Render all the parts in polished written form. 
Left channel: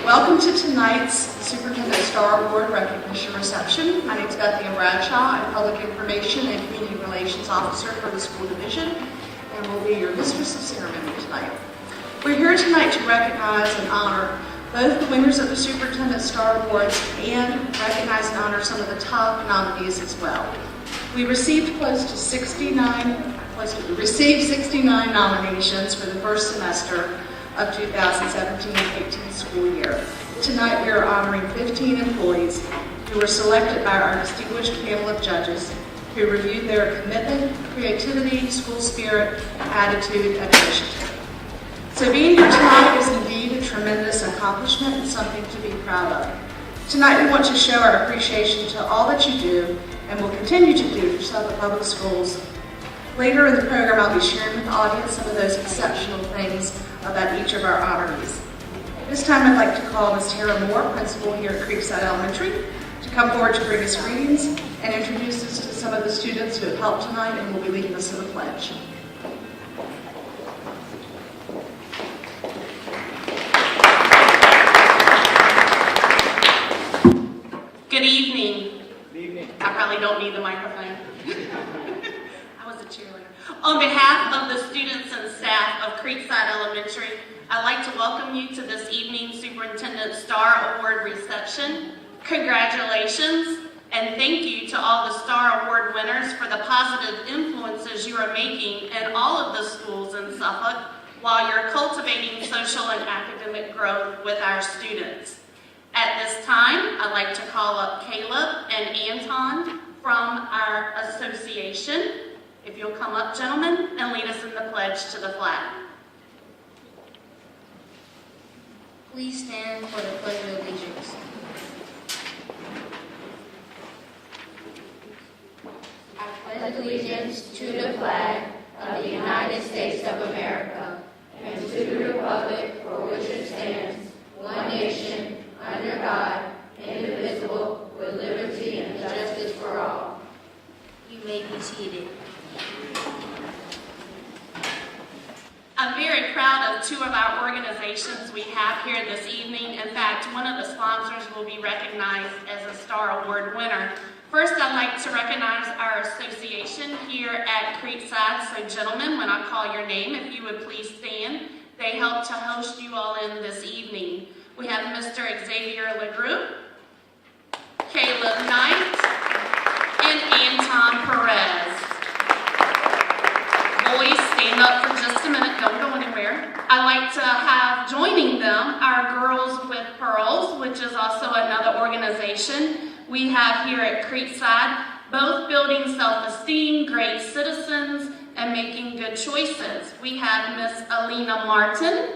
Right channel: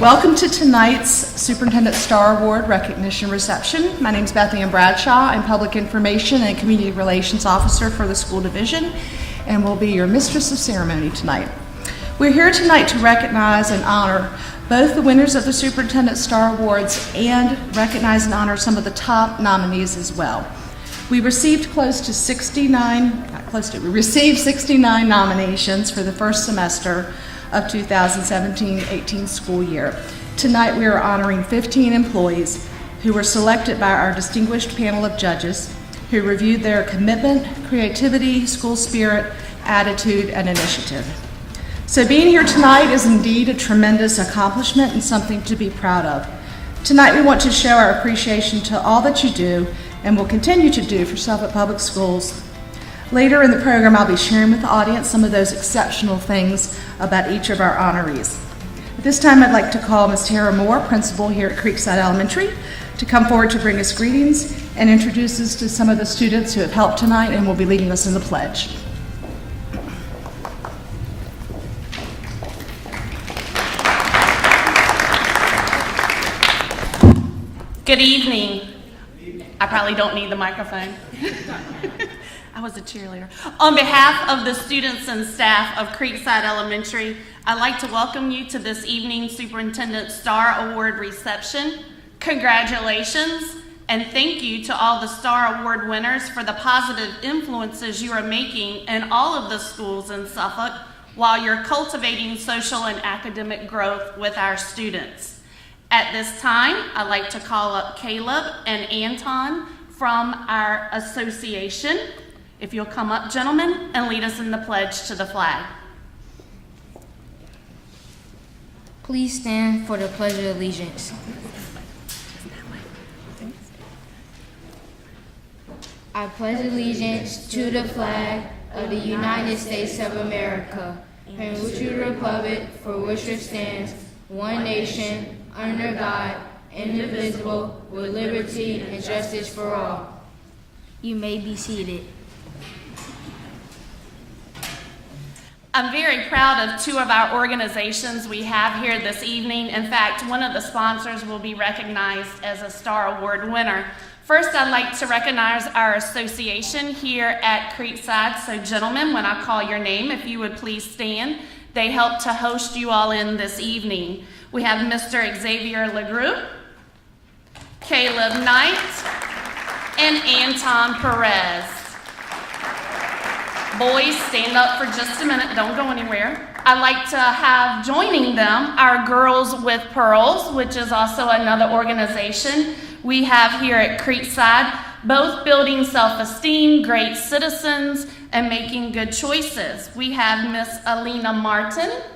Welcome to tonight's Superintendent Star Award Recognition Reception. My name is Beth Ann Bradshaw. I'm Public Information and Community Relations Officer for the School Division, and will be your Mistress of Ceremony tonight. We're here tonight to recognize and honor both the winners of the Superintendent Star Awards and recognize and honor some of the top nominees as well. We received 69 nominations for the first semester of 2017-18 school year. Tonight we are honoring 15 employees who were selected by our distinguished panel of judges who reviewed their commitment, creativity, school spirit, attitude, and initiative. So being here tonight is indeed a tremendous accomplishment and something to be proud of. Tonight we want to show our appreciation to all that you do and will continue to do for Suffolk Public Schools. Later in the program, I'll be sharing with the audience some of those exceptional things about each of our honorees. This time I'd like to call Ms. Tara Moore, principal here at Creekside Elementary, to come forward to bring us greetings and introduce us to some of the students who have helped tonight and will be leading us in the pledge. Good evening. I probably don't need the microphone. I was a cheerleader. On behalf of the students and staff of Creekside Elementary, I'd like to welcome you to this evening's Superintendent Star Award reception. Congratulations, and thank you to all the Star Award winners for the positive influences you are making in all of the schools in Suffolk while you're cultivating social and academic growth with our students. At this time, I'd like to call up Caleb and Anton from our association. If you'll come up, gentlemen, and lead us in the pledge to the flag. Please stand for the Pledge of Allegiance. I pledge allegiance to the flag of the United States of America and to the republic for which it stands, one nation, under God, indivisible, with liberty and justice for all. You may be seated. I'm very proud of two of our organizations we have here this evening. In fact, one of the sponsors will be recognized as a Star Award winner. First, I'd like to recognize our association here at Creekside. So gentlemen, when I call your name, if you would please stand. They helped to host you all in this evening. We have Mr. Xavier LeGroux, Caleb Knight, and Anton Perez. Boys, stand up for just a minute. Don't go anywhere. I'd like to have joining them our Girls with Pearls, which is also another organization we have here at Creekside, both building self-esteem, great citizens, and making good choices. We have Miss Alina Martin,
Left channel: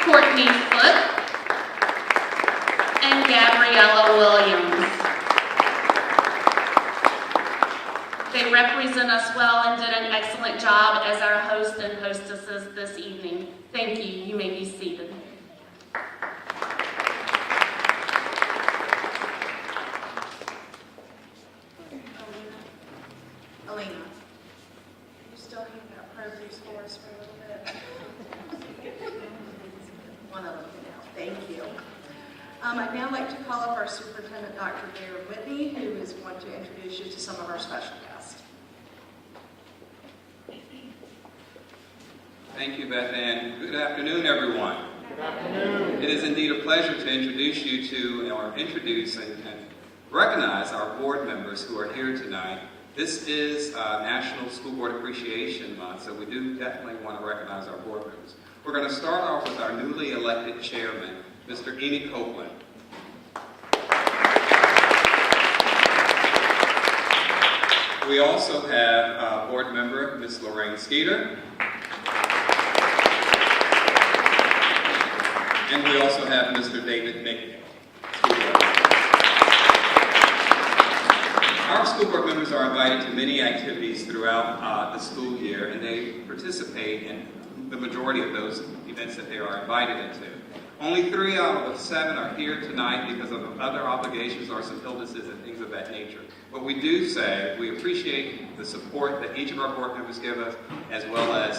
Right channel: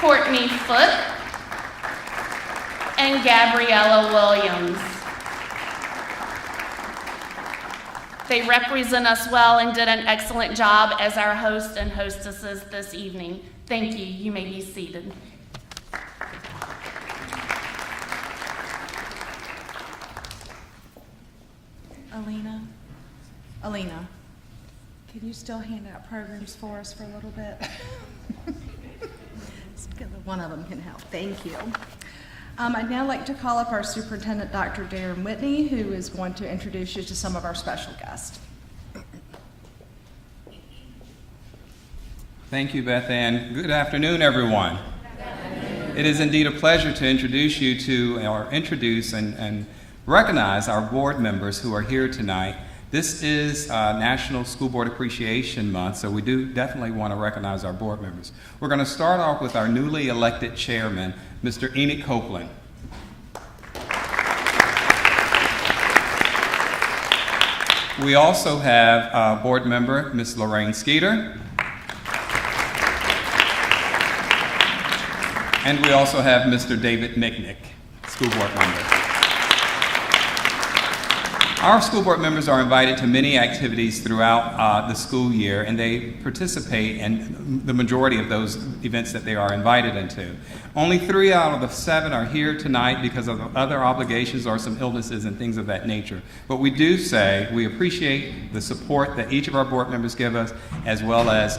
Courtney Foote, and Gabriella Williams. They represent us well and did an excellent job as our hosts and hostesses this evening. Thank you. You may be seated. Alina, can you still hand out programs for us for a little bit? One of them can help. Thank you. I'd now like to call up our Superintendent, Dr. Darren Whitney, who is going to introduce you to some of our special guests. Thank you, Beth Ann. Good afternoon, everyone. Good afternoon. It is indeed a pleasure to introduce you to, or introduce and recognize our board members who are here tonight. This is National School Board Appreciation Month, so we do definitely want to recognize our board members. We're going to start off with our newly elected chairman, Mr. Enoch Copeland. We also have board member, Ms. Lorraine Skeeter. And we also have Mr. David Micknick, school board member. Our school board members are invited to many activities throughout the school year, and they participate in the majority of those events that they are invited into. Only 3 out of the 7 are here tonight because of other obligations or some illnesses and things of that nature. But we do say we appreciate the support that each of our board members give us, as well as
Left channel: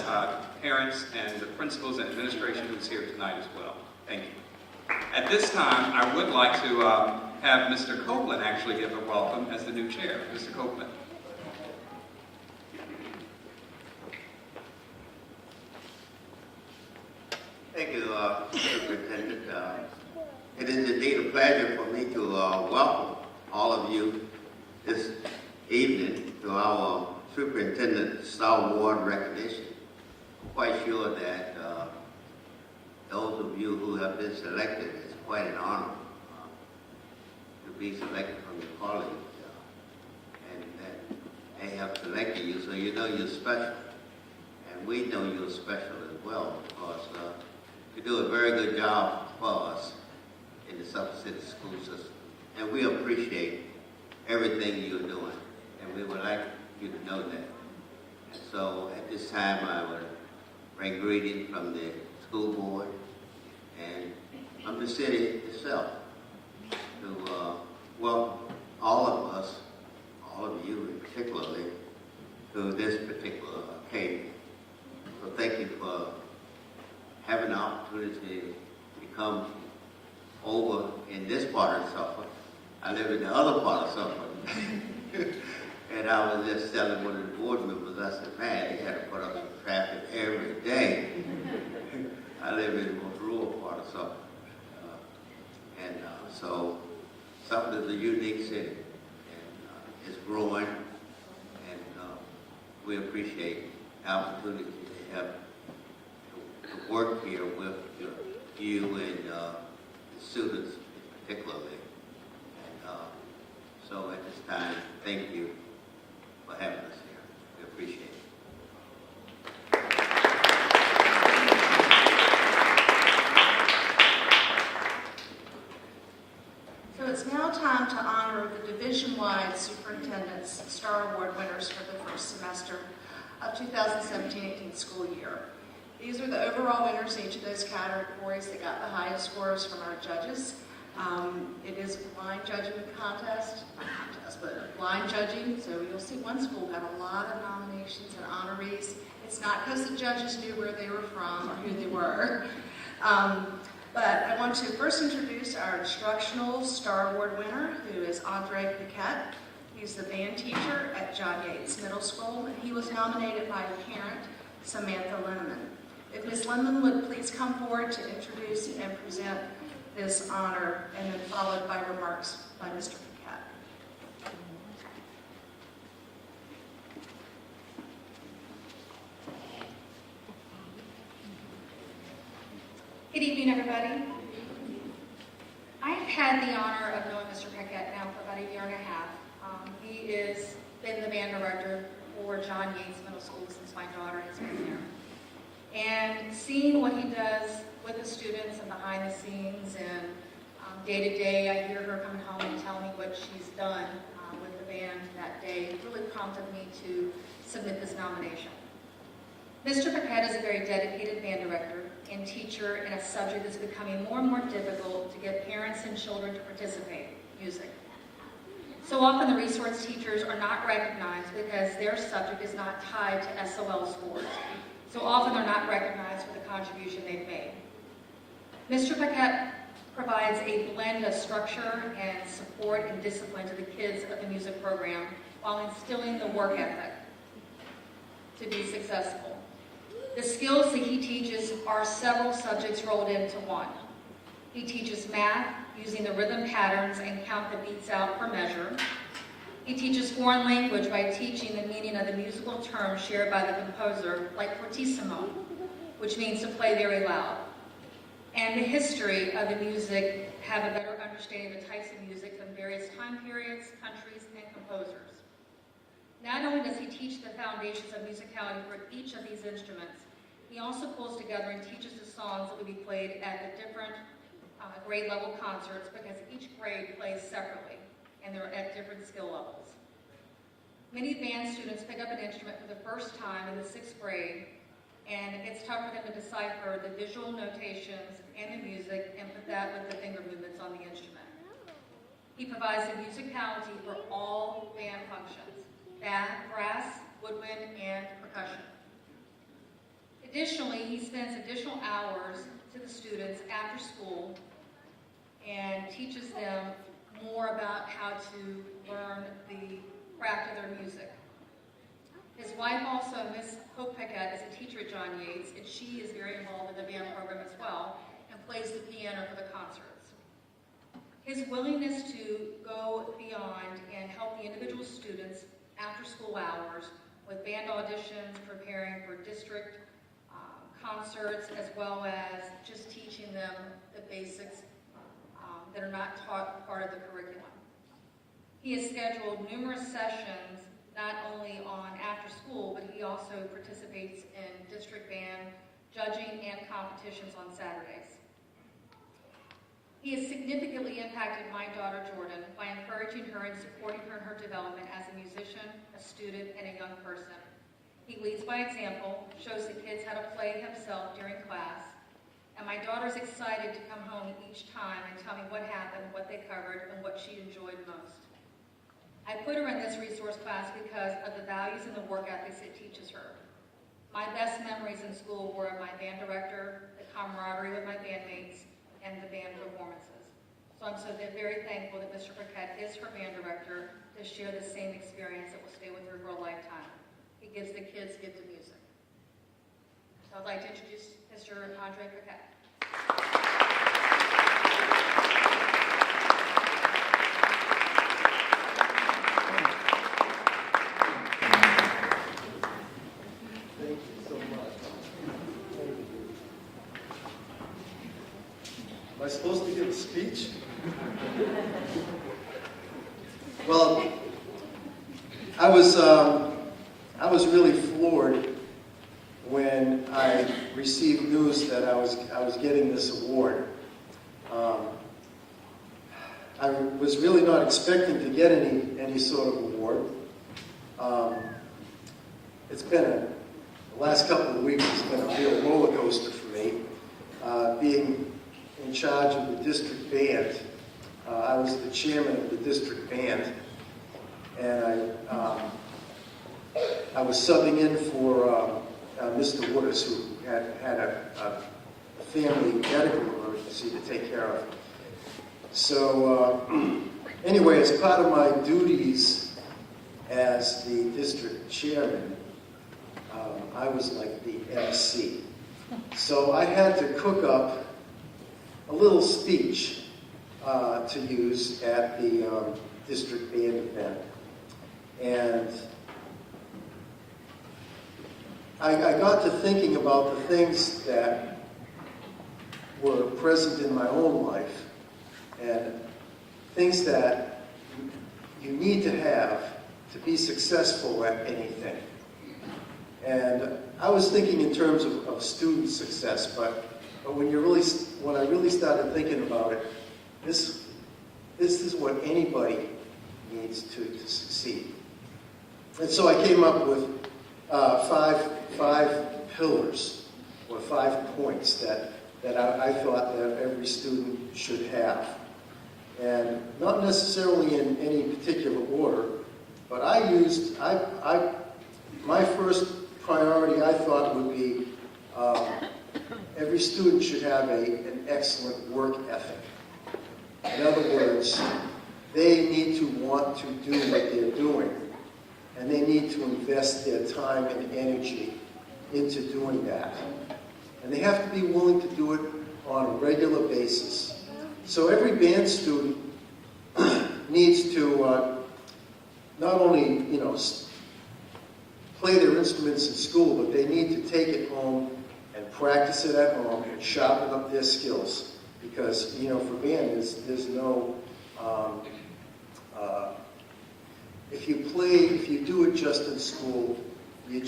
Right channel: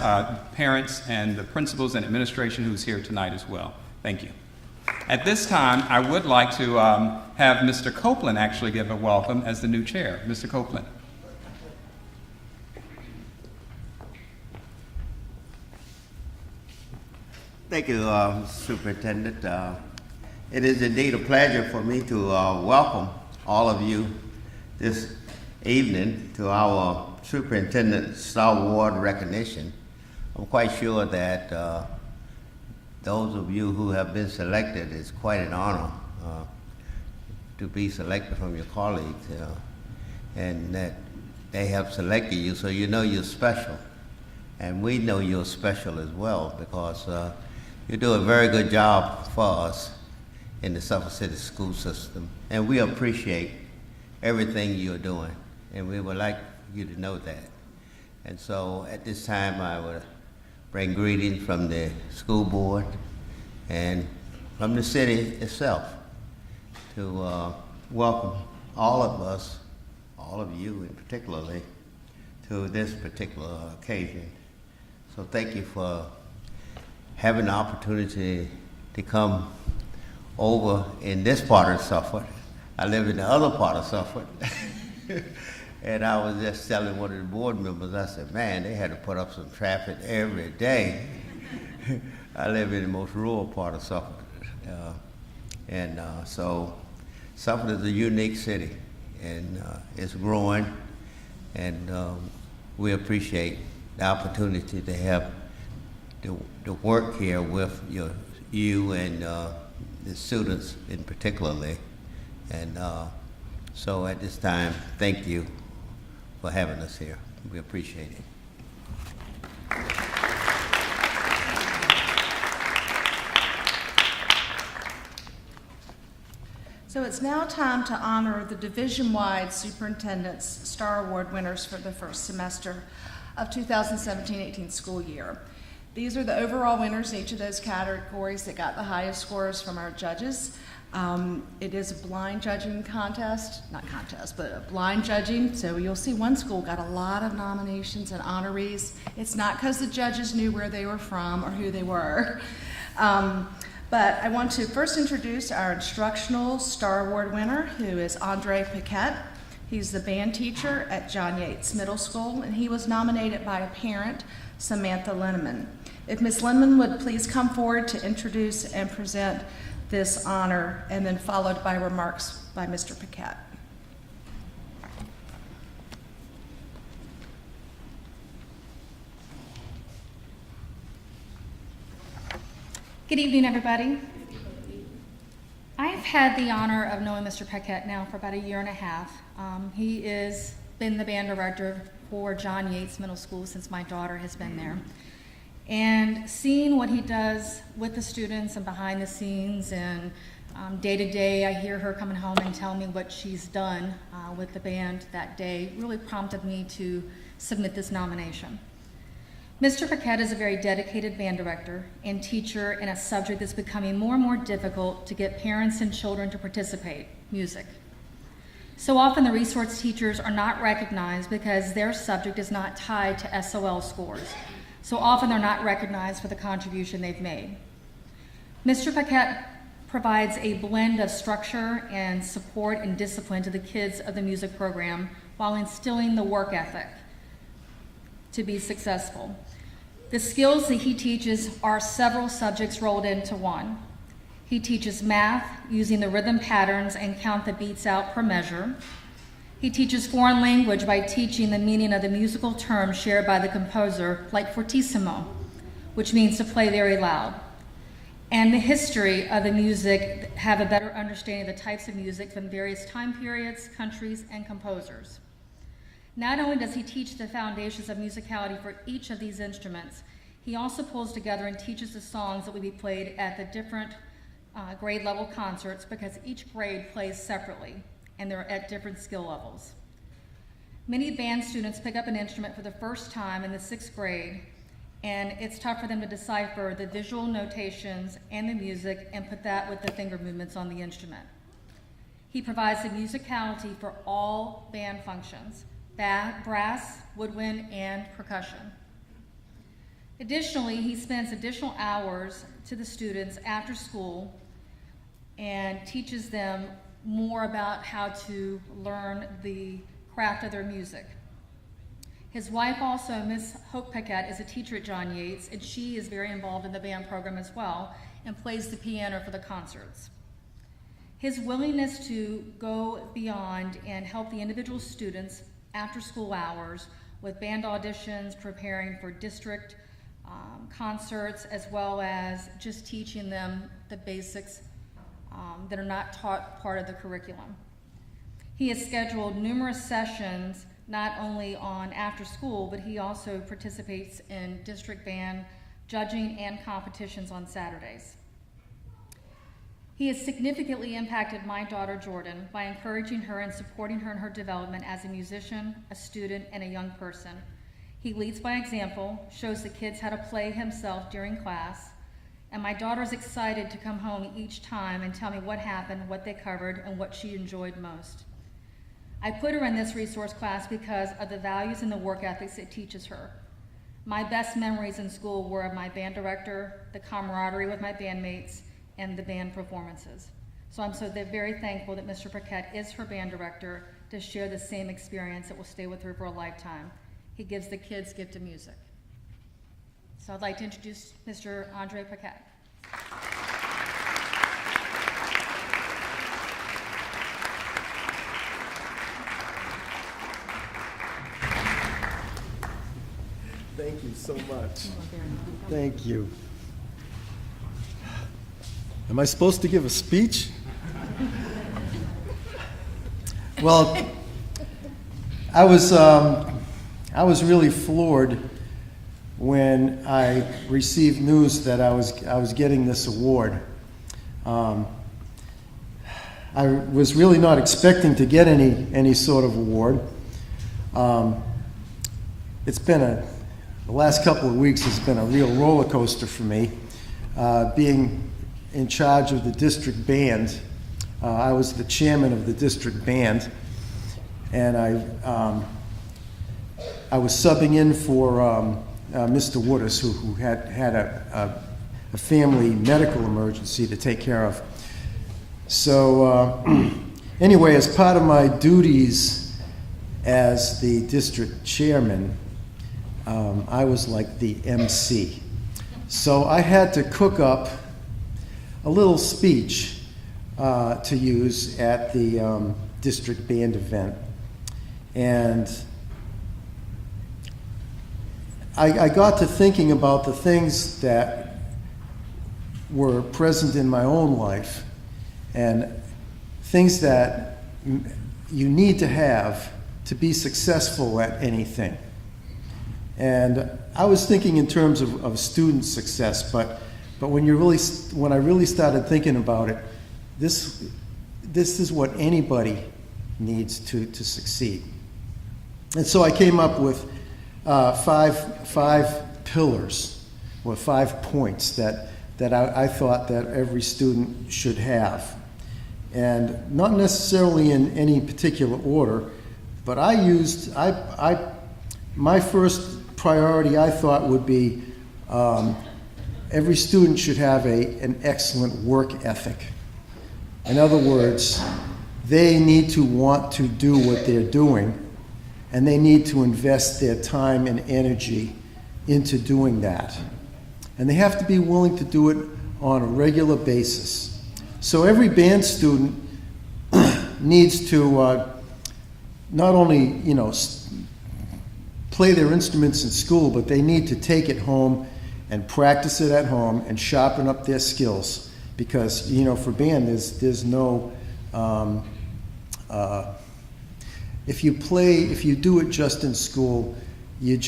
parents and the principals and administration who's here tonight as well. Thank you. At this time, I would like to have Mr. Copeland actually give a welcome as the new chair. Mr. Copeland. Thank you, Superintendent. It is indeed a pleasure for me to welcome all of you this evening to our Superintendent Star Award recognition. I'm quite sure that those of you who have been selected, it's quite an honor to be selected from your colleagues, and that they have selected you, so you know you're special. And we know you're special as well, because you do a very good job for us in the Suffolk City school system, and we appreciate everything you're doing, and we would like you to know that. And so at this time, I would bring greetings from the school board and from the city itself to welcome all of us, all of you in particularly, to this particular occasion. So thank you for having the opportunity to come over in this part of Suffolk. I live in the other part of Suffolk. And I was just telling one of the board members, I said, man, they had to put up some traffic every day. I live in the most rural part of Suffolk. So Suffolk is a unique city, and it's growing, and we appreciate the opportunity to have to work here with you and the students in particularly. And so at this time, thank you for having us here. We appreciate it. So it's now time to honor the division-wide Superintendent's Star Award winners for the first semester of 2017-18 school year. These are the overall winners in each of those categories that got the highest scores from our judges. It is a blind judging contest, not contest, but blind judging. So you'll see one school got a lot of nominations and honorees. It's not because the judges knew where they were from or who they were. But I want to first introduce our instructional Star Award winner, who is Andre Paquette. He's the band teacher at John Yates Middle School, and he was nominated by a parent, Samantha Linneman. If Ms. Linneman would please come forward to introduce and present this honor, and then followed by remarks by Mr. Paquette. Good evening, everybody. I've had the honor of knowing Mr. Paquette now for about 1.5 years. He has been the band director for John Yates Middle School since my daughter has been there. And seeing what he does with the students and behind the scenes and day to day, I hear her coming home and telling me what she's done with the band that day, really prompted me to submit this nomination. Mr. Paquette is a very dedicated band director and teacher in a subject that's becoming more and more difficult to get parents and children to participate, music. So often the resource teachers are not recognized because their subject is not tied to SOL scores. So often they're not recognized for the contribution they've made. Mr. Paquette provides a blend of structure and support and discipline to the kids of the music program while instilling the work ethic to be successful. The skills that he teaches are several subjects rolled into one. He teaches math using the rhythm patterns and count the beats out per measure. He teaches foreign language by teaching the meaning of the musical terms shared by the composer, like fortissimo, which means to play very loud. And the history of the music, have a better understanding of the types of music from various time periods, countries, and composers. Not only does he teach the foundations of musicality for each of these instruments, he also pulls together and teaches the songs that will be played at the different grade level concerts, because each grade plays separately and they're at different skill levels. Many band students pick up an instrument for the first time in the 6th grade, and it's tough for them to decipher the visual notations and the music and put that with the finger movements on the instrument. He provides the musicality for all band functions, brass, woodwind, and percussion. Additionally, he spends additional hours to the students after school and teaches them more about how to learn the craft of their music. His wife also, Miss Hope Paquette, is a teacher at John Yates, and she is very involved in the band program as well and plays the piano for the concerts. His willingness to go beyond and help the individual students after school hours with band auditions, preparing for district concerts, as well as just teaching them the basics that are not taught part of the curriculum. He has scheduled numerous sessions, not only on after school, but he also participates in district band judging and competitions on Saturdays. He has significantly impacted my daughter Jordan by encouraging her and supporting her in her development as a musician, a student, and a young person. He leads by example, shows the kids how to play himself during class, and my daughter's excited to come home each time and tell me what happened, what they covered, and what she enjoyed most. I put her in this resource class because of the values and the work ethics it teaches her. My best memories in school were of my band director, the camaraderie with my bandmates, and the band performances. So I'm very thankful that Mr. Paquette is her band director to share the same experience that will stay with her for a lifetime. He gives the kids gift of music. So I'd like to introduce Mr. Andre Paquette. Thank you so much. Thank you. Am I supposed to give a speech? Well, I was really floored when I received news that I was getting this award. I was really not expecting to get any sort of award. The last couple of weeks has been a real roller coaster for me. Being in charge of the district band, I was the chairman of the district band, and I was subbing in for Mr. Wooders, who had a family medical emergency to take care of. So anyway, as part of my duties as the district chairman, I was like the MC. So I had to cook up a little speech to use at the district band event. And I got to thinking about the things that were present in my own life and things that you need to have to be successful at anything. And I was thinking in terms of student success, but when I really started thinking about it, this is what anybody needs to succeed. And so I came up with five pillars, or 5 points that I thought that every student should have. And not necessarily in any particular order, but my first priority I thought would be every student should have an excellent work ethic. In other words, they need to want to do what they're doing, and they need to invest their time and energy into doing that. And they have to be willing to do it on a regular basis. So every band student needs to not only, play their instruments in school, but they need to take it home and practice it at home and sharpen up their skills. Because, for band, there's no, if you do it just in school, you're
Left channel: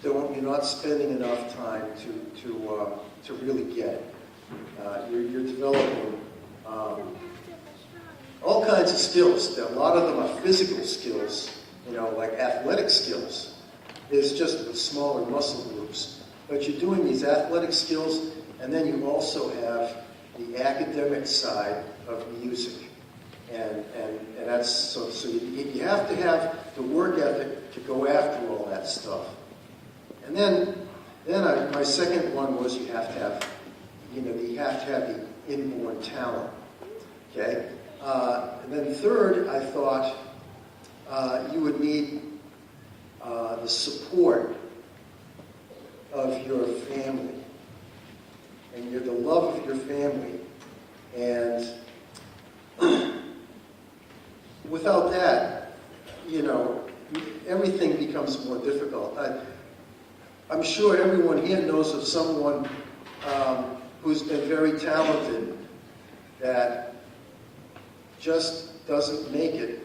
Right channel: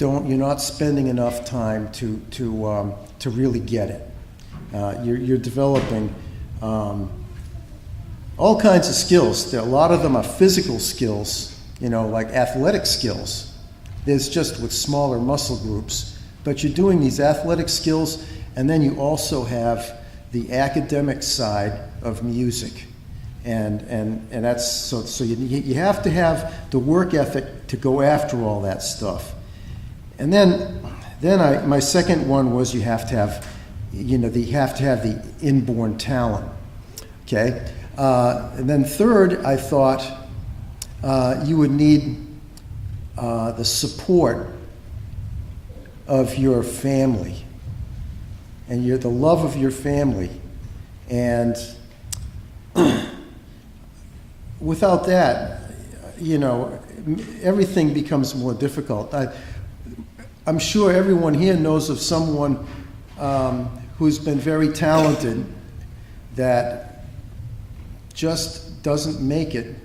not spending enough time to really get it. You're developing all kinds of skills. A lot of them are physical skills, like athletic skills. There's just with smaller muscle groups. But you're doing these athletic skills, and then you also have the academic side of music. And that's, so you have to have the work ethic to go after all that stuff. And then my second one was you have to have, you have to have the inborn talent, okay? And then third, I thought you would need the support of your family and the love of your family. And without that, everything becomes more difficult. I'm sure everyone here knows of someone who's been very talented that just doesn't make it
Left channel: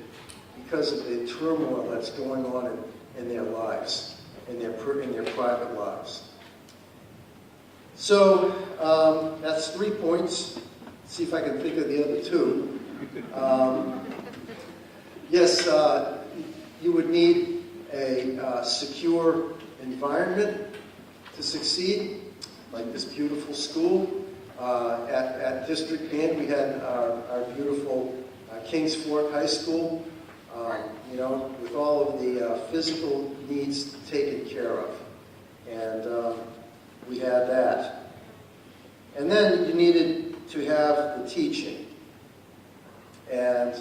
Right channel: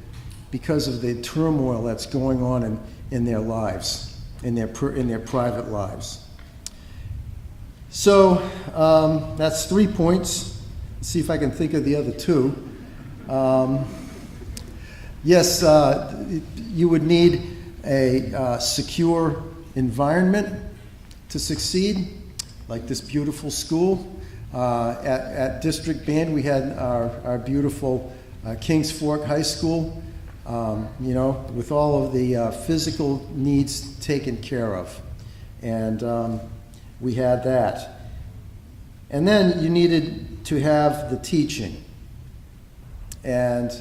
because of the turmoil that's going on in their lives, in their private lives. So that's 3 points. Let's see if I can think of the other 2. Yes, you would need a secure environment to succeed, like this beautiful school. At District Band, we had our beautiful Kings Fork High School, with all of the physical needs taken care of. And we had that. And then you needed to have the teaching. And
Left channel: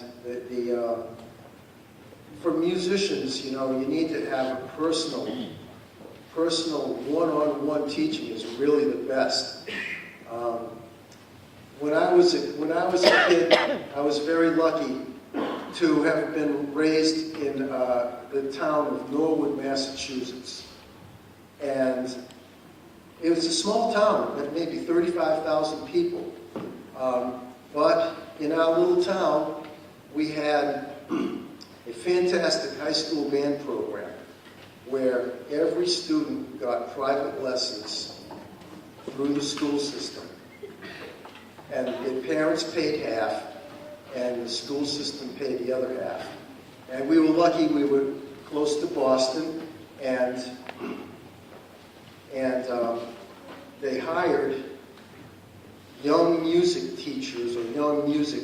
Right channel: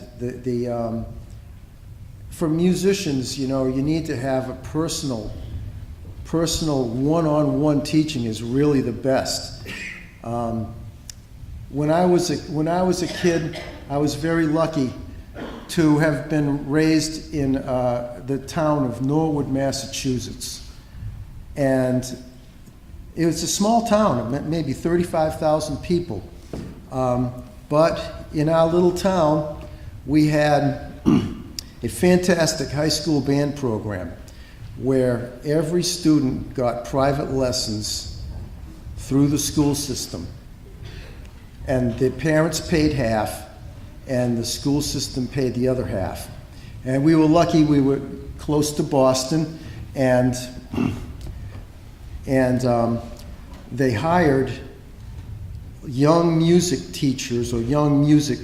for musicians, you need to have a personal one-on-one teaching is really the best. When I was a kid, I was very lucky to have been raised in the town of Norwood, Massachusetts. And it was a small town, maybe 35,000 people. But in our little town, we had a fantastic high school band program where every student got private lessons through the school system. And the parents paid half, and the school system paid the other half. And we were lucky, we were close to Boston, and they hired young music teachers or young music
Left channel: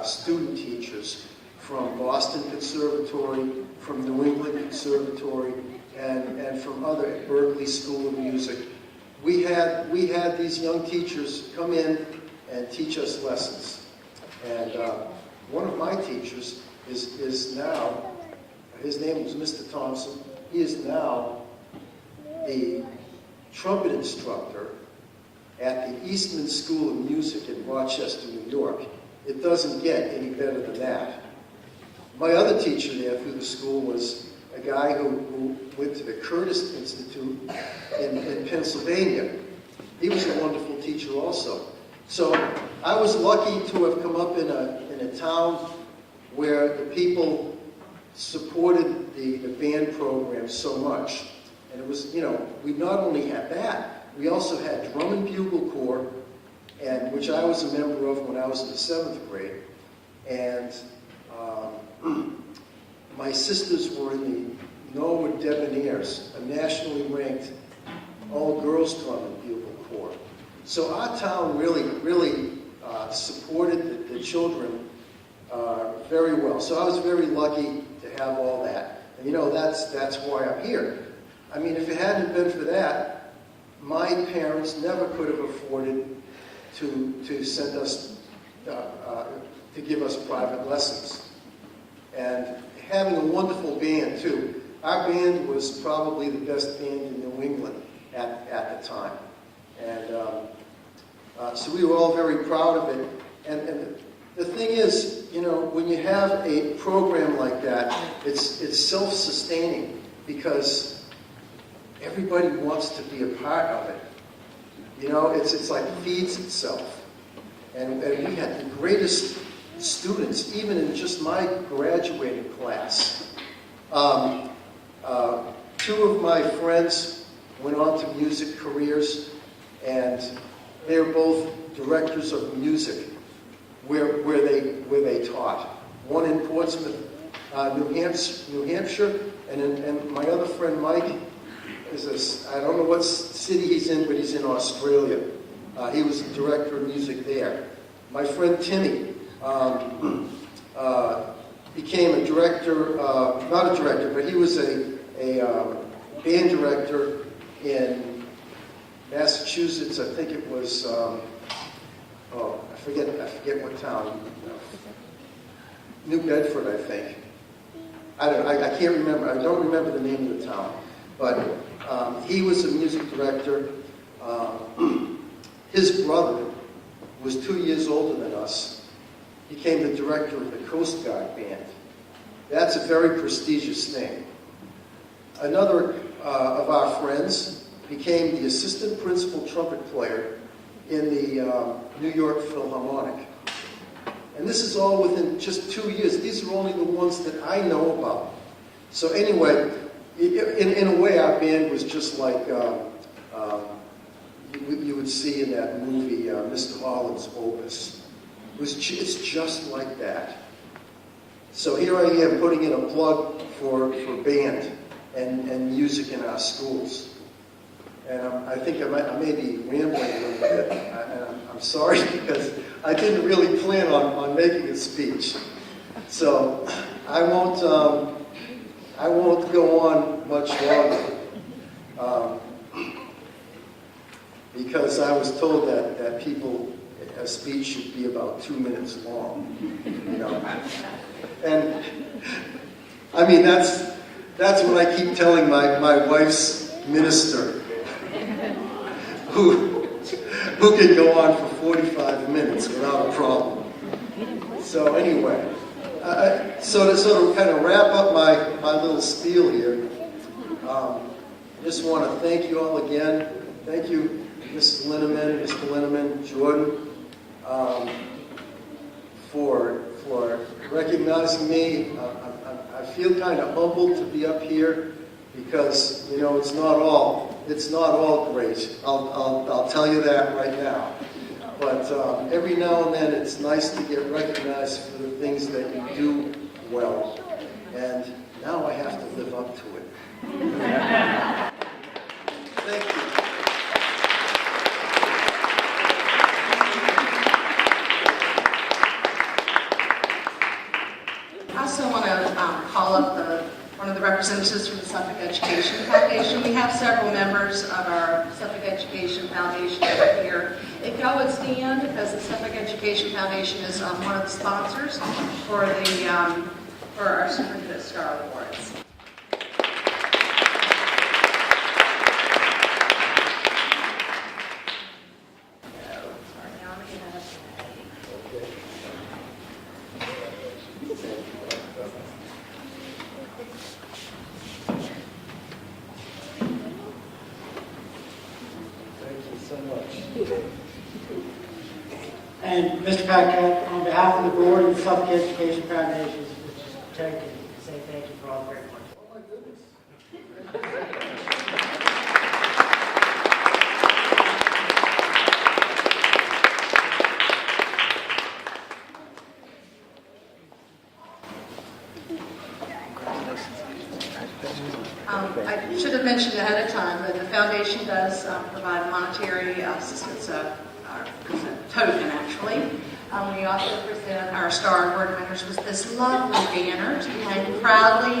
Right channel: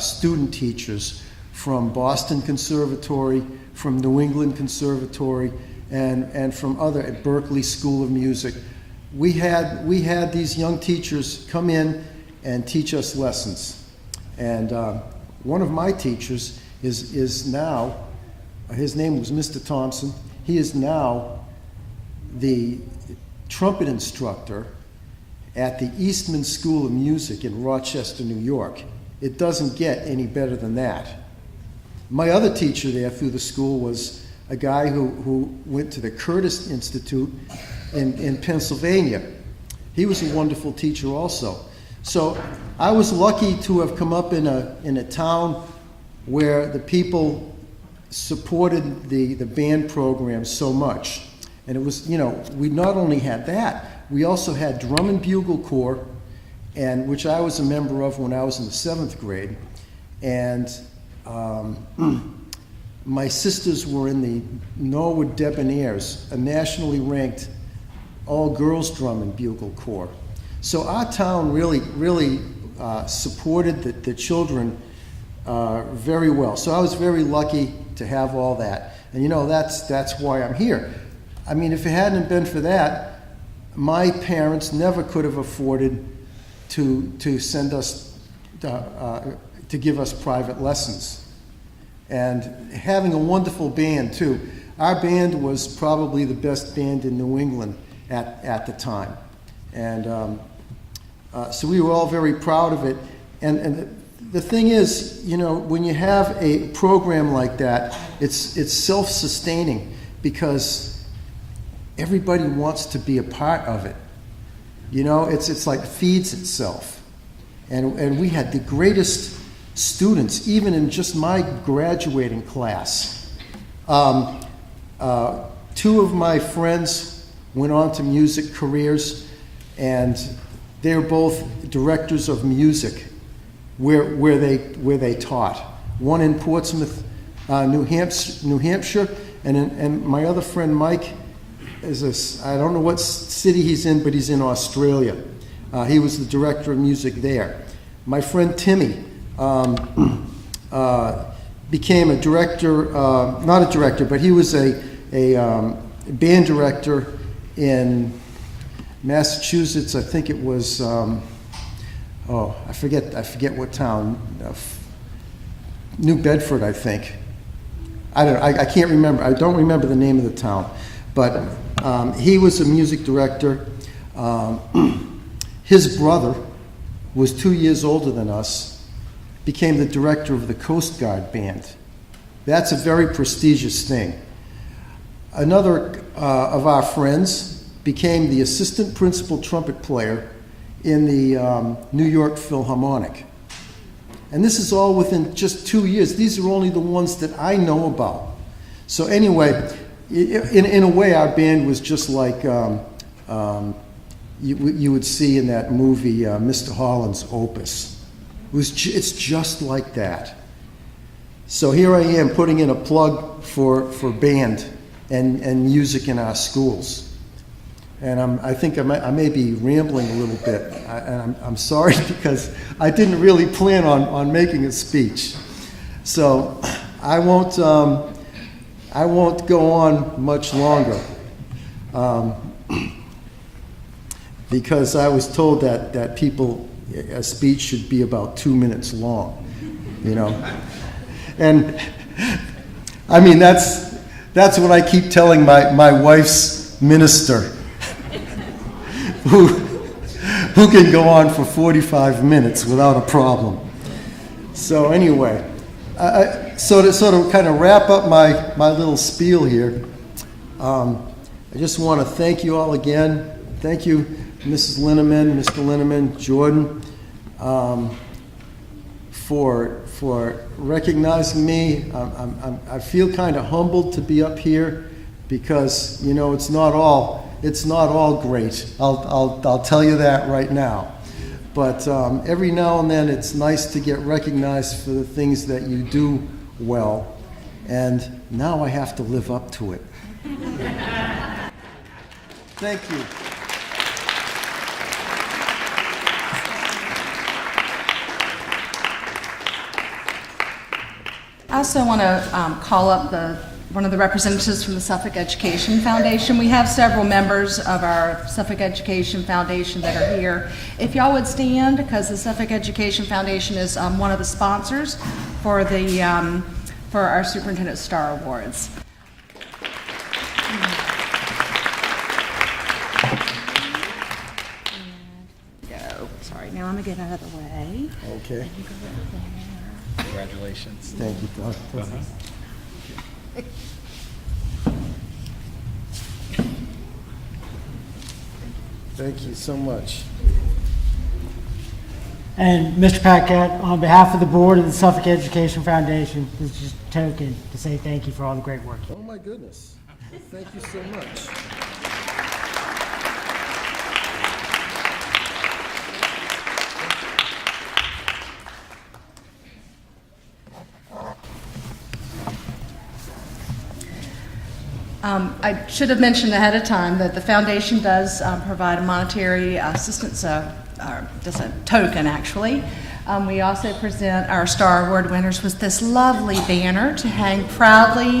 student teachers from Boston Conservatory, from New England Conservatory, and from other, at Berkeley School of Music. We had these young teachers come in and teach us lessons. And one of my teachers is now, his name was Mr. Thompson. He is now the trumpet instructor at the Eastman School of Music in Rochester, New York. It doesn't get any better than that. My other teacher there through the school was a guy who went to the Curtis Institute in Pennsylvania. He was a wonderful teacher also. So I was lucky to have come up in a town where the people supported the band program so much. And it was, we not only had that, we also had drum and bugle corps, and which I was a member of when I was in the 7th grade. And my sisters were in the Norwood Debonaires, a nationally ranked all-girls drum and bugle corps. So our town really supported the children very well. So I was very lucky to have all that. And that's why I'm here. I mean, if it hadn't been for that, my parents never could have afforded to send us, to give us private lessons. And having a wonderful band too. Our band was probably the best band in New England at the time. And so we were all very proud of it. And the thing is, when you have a program like that, it's self-sustaining because everybody wants to be a part of it. It's like feeds itself. And we had the greatest students, even in just my graduating class. 2 of my friends went on to music careers, and they're both directors of music where they taught. One in Portsmouth, New Hampshire, and my other friend Mike is I don't know what city he's in, but he's in Australia. He was the director of music there. My friend Timmy became a director, not a director, but he was a band director in Massachusetts. I think it was, I forget what town. New Bedford, I think. I can't remember. I don't remember the name of the town. But he was a music director. His brother was 2 years older than us, became the director of the Coast Guard Band. That's a very prestigious thing. Another of our friends became the assistant principal trumpet player in the New York Philharmonic. And this is all within just 2 years. These are only the ones that I know about. So anyway, in a way, our band was just like you would see in that movie, Mr. Holland's Opus. It's just like that. So here I am putting in a plug for band and music in our schools. And I think I may be rambling a little bit. And I'm sorry because I didn't really plan on making a speech. So I won't go on much longer. Because I was told that a speech should be about 2 minutes long, you know. And I mean, that's what I keep telling my wife's minister, who can go on for 45 minutes without a problem. So anyway, so to sort of kind of wrap up my little spiel here, I just want to thank you all again. Thank you, Mrs. Linneman, Mr. Linneman, Jordan, for recognizing me. I feel kind of humbled to be up here because, you know, it's not all great. I'll tell you that right now. But every now and then it's nice to get recognized for the things that you do well. And now I have to live up to it. Thank you. I also want to call up one of the representatives from the Suffolk Education Foundation. We have several members of our Suffolk Education Foundation that are here. If y'all would stand, because the Suffolk Education Foundation is one of the sponsors for our Superintendent Star Awards. Sorry, now I'm going to get out of the way. Okay. Congratulations. Thank you. Thank you so much. And Mr. Paquette, on behalf of the board of the Suffolk Education Foundation, this is just a token to say thank you for all the great work. Oh my goodness. Thank you so much. I should have mentioned ahead of time that the foundation does provide monetary assistance, does a token actually. We also present our Star Award winners with this lovely banner to hang proudly,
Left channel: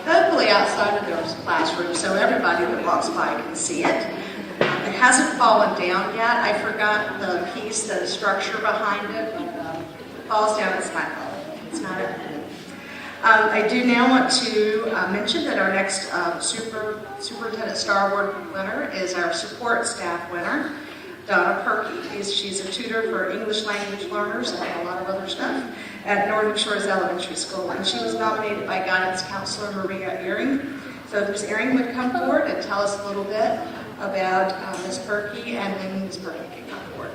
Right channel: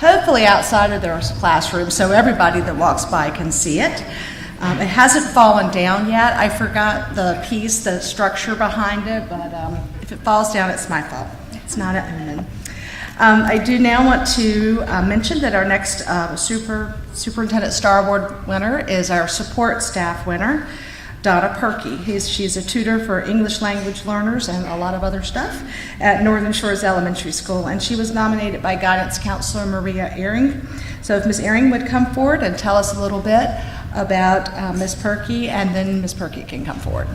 hopefully outside of their classroom so everybody that walks by can see it. It hasn't fallen down yet. I forgot the piece, the structure behind it, but if it falls down, it's my fault. It's not at home. I do now want to mention that our next Superintendent Star Award winner is our support staff winner, Donna Perky. She's a tutor for English language learners and a lot of other stuff at Northern Shores Elementary School, and she was nominated by Guidance Counselor Maria Ehring. So if Ms. Ehring would come forward and tell us a little bit about Ms. Perky, and then Ms. Perky can come forward.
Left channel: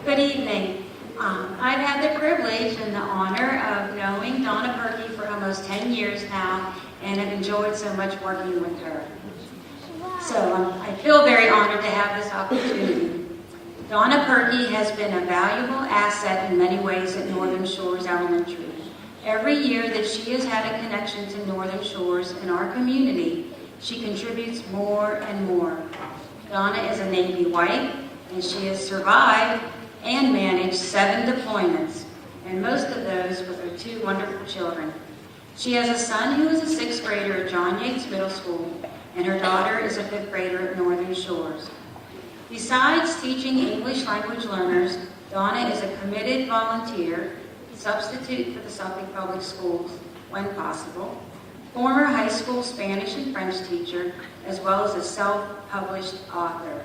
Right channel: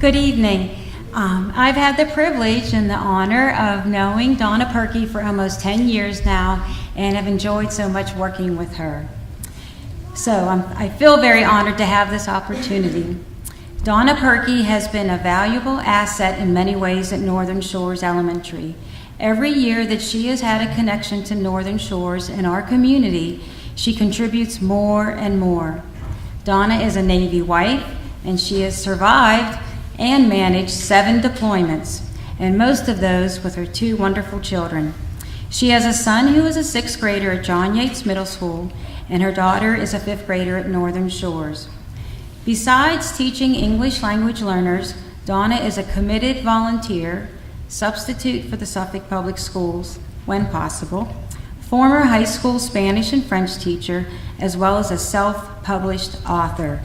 Good evening. I've had the privilege and the honor of knowing Donna Perky for almost 10 years now and have enjoyed so much working with her. So I feel very honored to have this opportunity. Donna Perky has been a valuable asset in many ways at Northern Shores Elementary. Every year that she has had a connection to Northern Shores and our community, she contributes more and more. Donna is a Navy wife, and she has survived and managed 7 deployments, and most of those with her 2 wonderful children. She has a son who is a 6th grader at John Yates Middle School, and her daughter is a 5th grader at Northern Shores. Besides teaching English language learners, Donna is a committed volunteer, substitute for the Suffolk Public Schools when possible, former high school Spanish and French teacher, as well as a self-published author.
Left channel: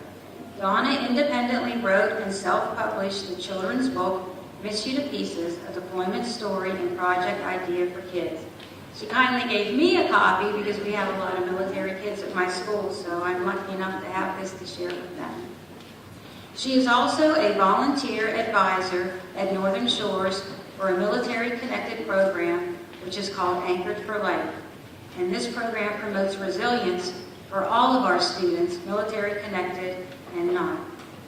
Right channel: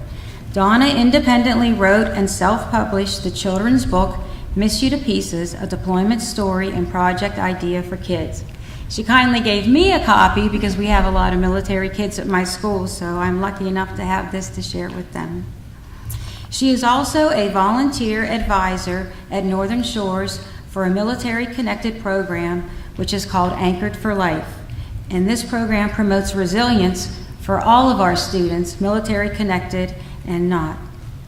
Donna independently wrote and self-published the children's book, Miss You to Pieces, a deployment story and project idea for kids. She kindly gave me a copy because we have a lot of military kids at my school, so I'm lucky enough to have this to share with them. She is also a volunteer advisor at Northern Shores for a military-connected program which is called Anchored for Life. And this program promotes resilience for all of our students, military-connected and not,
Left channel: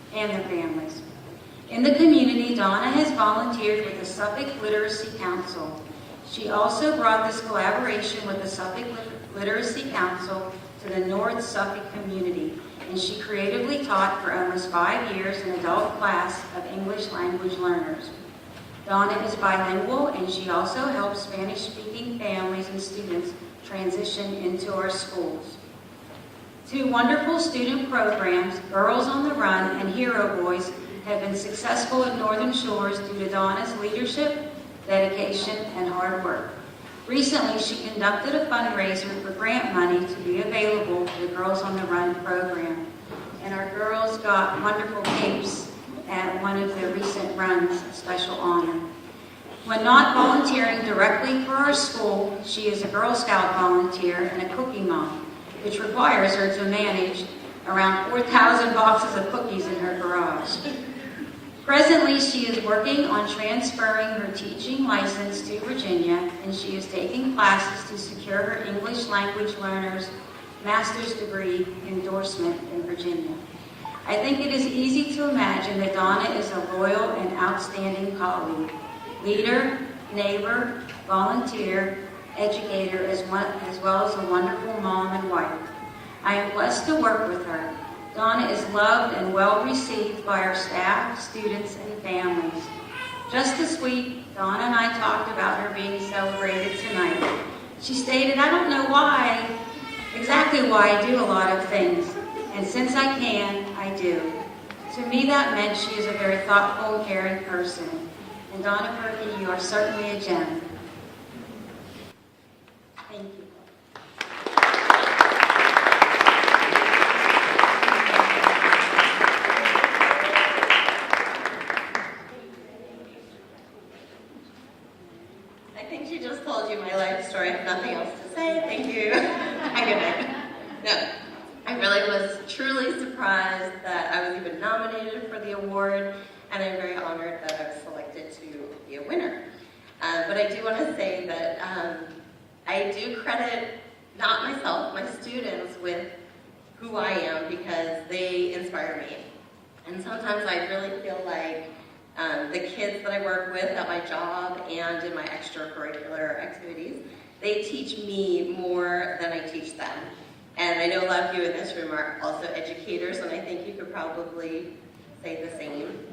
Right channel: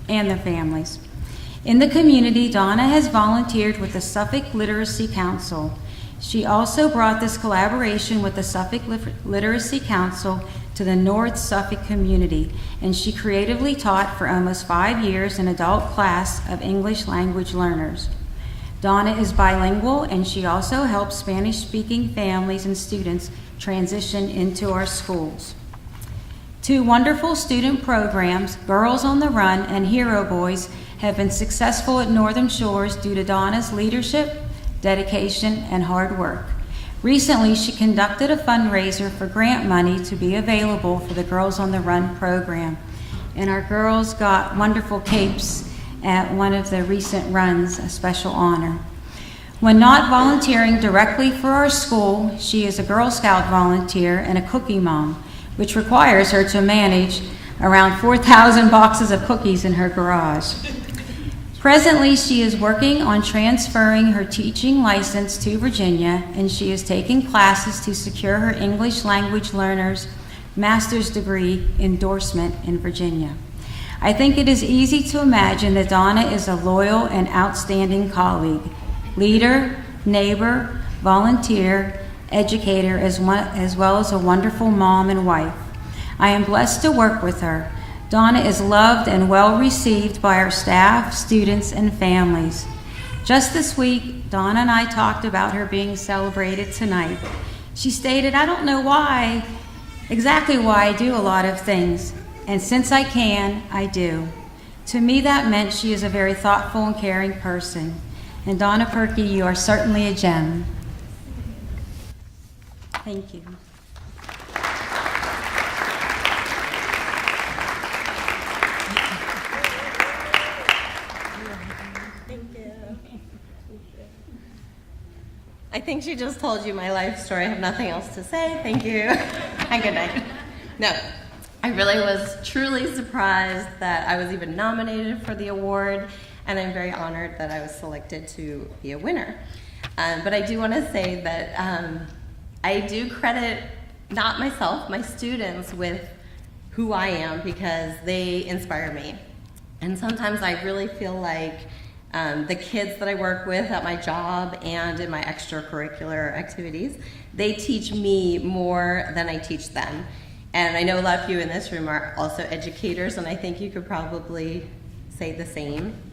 and their families. In the community, Donna has volunteered with the Suffolk Literacy Council. She also brought this collaboration with the Suffolk Literacy Council to the North Suffolk community, and she creatively taught for almost 5 years an adult class of English language learners. Donna is bilingual, and she also helps Spanish-speaking families and students transition into our schools. 2 wonderful student programs, Girls on the Run and Hero Boys, have been successful at Northern Shores due to Donna's leadership, dedication, and hard work. Recently, she conducted a fundraiser for grant money to be available for the Girls on the Run program. And our girls got wonderful capes at one of the recent runs, a special honor. When not volunteering directly for our school, she is a Girl Scout volunteer and a cookie mom, which requires her to manage around 4,000 boxes of cookies in her garage. Presently, she is working on transferring her teaching license to Virginia, and she is taking classes to secure her English language learner's master's degree endorsement in Virginia. I think it is easy to imagine that Donna is a loyal and outstanding colleague, leader, neighbor, volunteer, educator, as well as a wonderful mom and wife. I am blessed to work with her. Donna is loved and well received by our staff, students, and families. Just this week, Donna and I talked about her being celebrated tonight. She stated, "I don't know exactly why I do a lot of things, and since I can, I do." To me, that meant she is a very thoughtful and caring person. And Donna Perky, you are certainly a gem. Thank you. I think she just told you my life story. I have nothing else to say. Thank you. Have a good night. No, I really was truly surprised that I was even nominated for the award, and I'm very honored that I was selected to be a winner. But I do want to say that I do credit not myself, my students, with who I am because they inspire me. And sometimes I really feel like the kids that I work with at my job and in my extracurricular activities, they teach me more than I teach them. And I know a lot of you in this room are also educators, and I think you could probably say the same.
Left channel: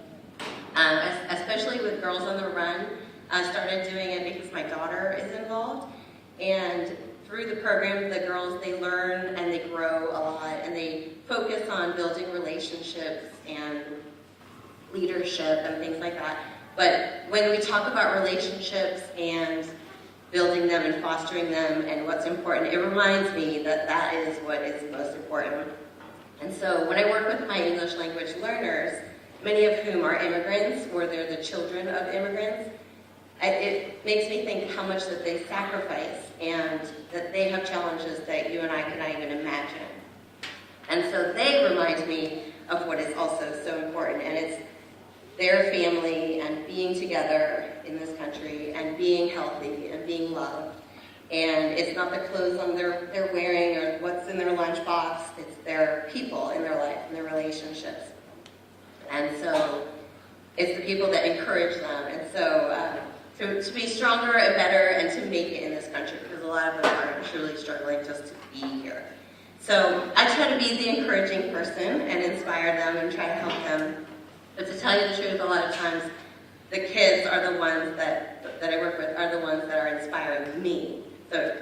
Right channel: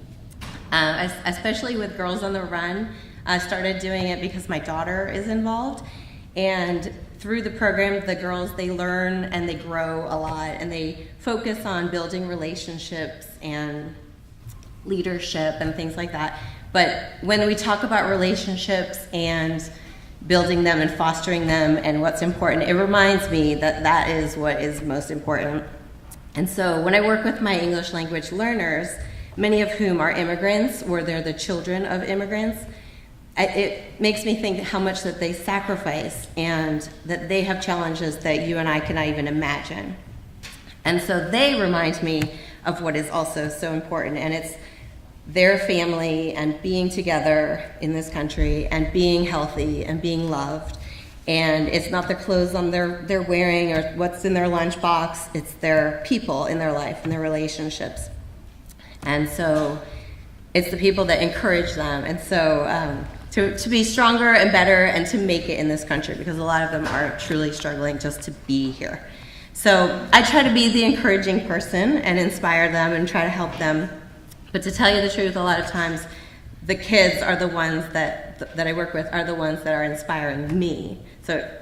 Especially with Girls on the Run, I started doing it because my daughter is involved. And through the program, the girls, they learn and they grow a lot, and they focus on building relationships and leadership and things like that. But when we talk about relationships and building them and fostering them and what's important, it reminds me that that is what is most important. And so when I work with my English language learners, many of whom are immigrants or they're the children of immigrants, it makes me think how much that they sacrifice and that they have challenges that you and I cannot even imagine. And so they remind me of what is also so important, and it's their family and being together in this country and being healthy and being loved. And it's not the clothes on they're wearing or what's in their lunchbox, it's their people in their life and their relationships. And so it's the people that encourage them. And so to be stronger and better and to make it in this country, because a lot of them are truly struggling just to be here. So I try to be the encouraging person and inspire them and try to help them. But to tell you the truth, a lot of times the kids are the ones that I work with are the ones that are inspiring me. So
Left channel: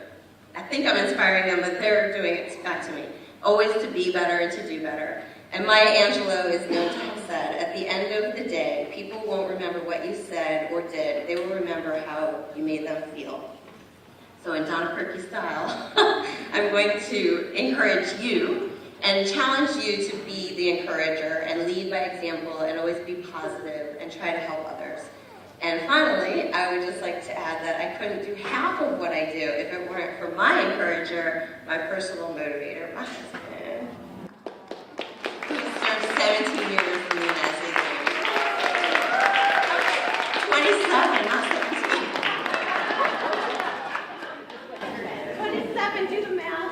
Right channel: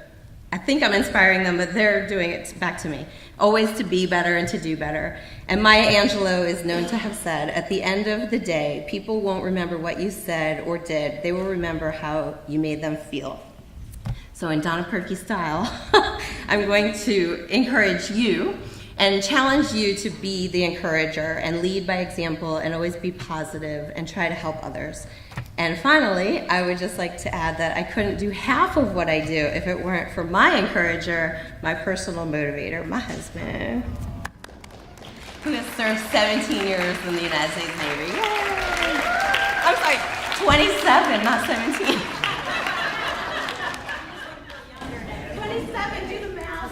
I think I'm inspiring them, but they're doing it back to me. Always to be better and to do better. And Maya Angelou is known to have said, at the end of the day, people won't remember what you said or did. They will remember how you made them feel. So in Donna Perky style, I'm going to encourage you and challenge you to be the encourager and lead by example and always be positive and try to help others. And finally, I would just like to add that I couldn't do half of what I do if it weren't for my encourager, my personal motivator, my husband, who has served 17 years in the United States Navy. I was like 27, not 17. 27, do the math.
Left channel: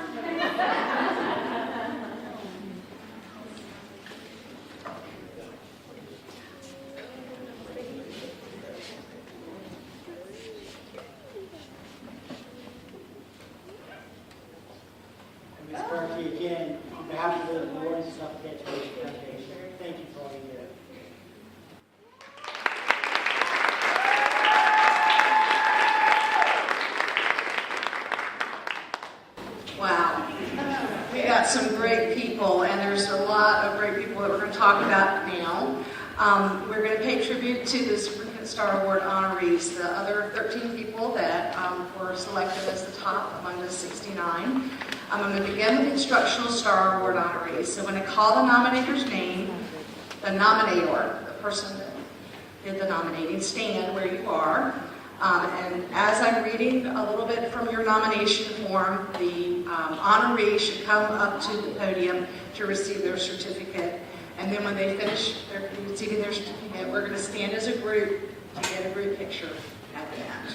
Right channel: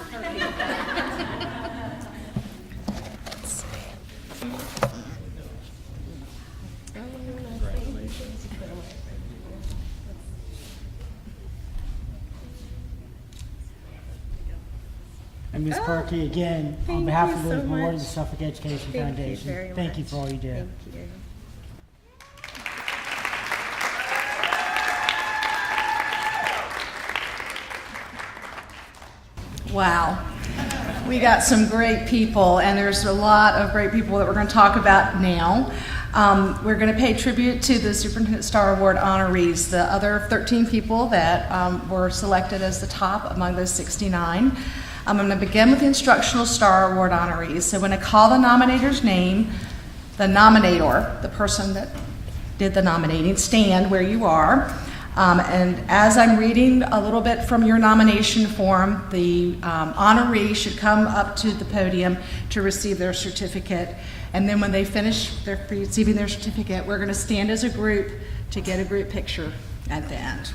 And Ms. Perky, again, on behalf of the board of the Suffolk Education Foundation, thank you for all you do. Wow. We got some great people, and there's a lot of great people that we're going to talk about now. We're going to pay tribute to the Superintendent Star Award honorees, the other 13 people that were selected as the top among those 69. I'm going to begin with the Instructional Star Award honorees. So when I call the nominator's name, the nominator, the person that did the nominating, stand where you are. And as I'm reading a little bit from your nomination form, the honoree should come up to the podium to receive their certificate. And then when they finish receiving their certificate, we're going to stand as a group to get a group picture at the end.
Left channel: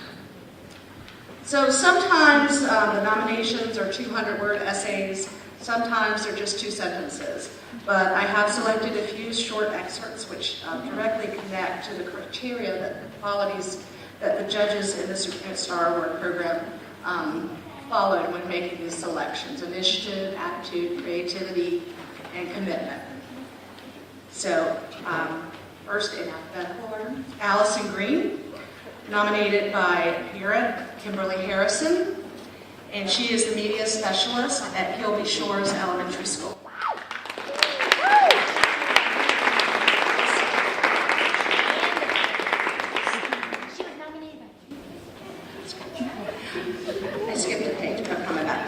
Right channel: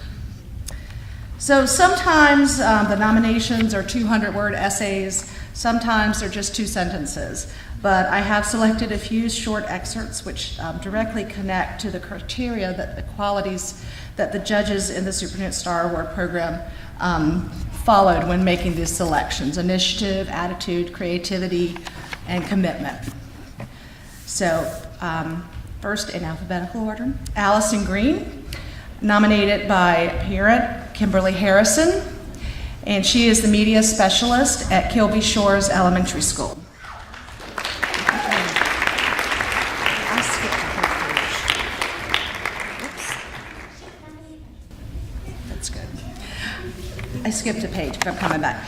So sometimes the nominations are 200-word essays, sometimes they're just 2 sentences. But I have selected a few short excerpts which directly connect to the criteria, the qualities that the judges in the Superintendent Star Award program followed when making these selections: initiative, attitude, creativity, and commitment. So first in alphabetical order, Allison Green, nominated by parent Kimberly Harrison, and she is the media specialist at Kilby Shores Elementary School. I skipped a page, but I'm coming back.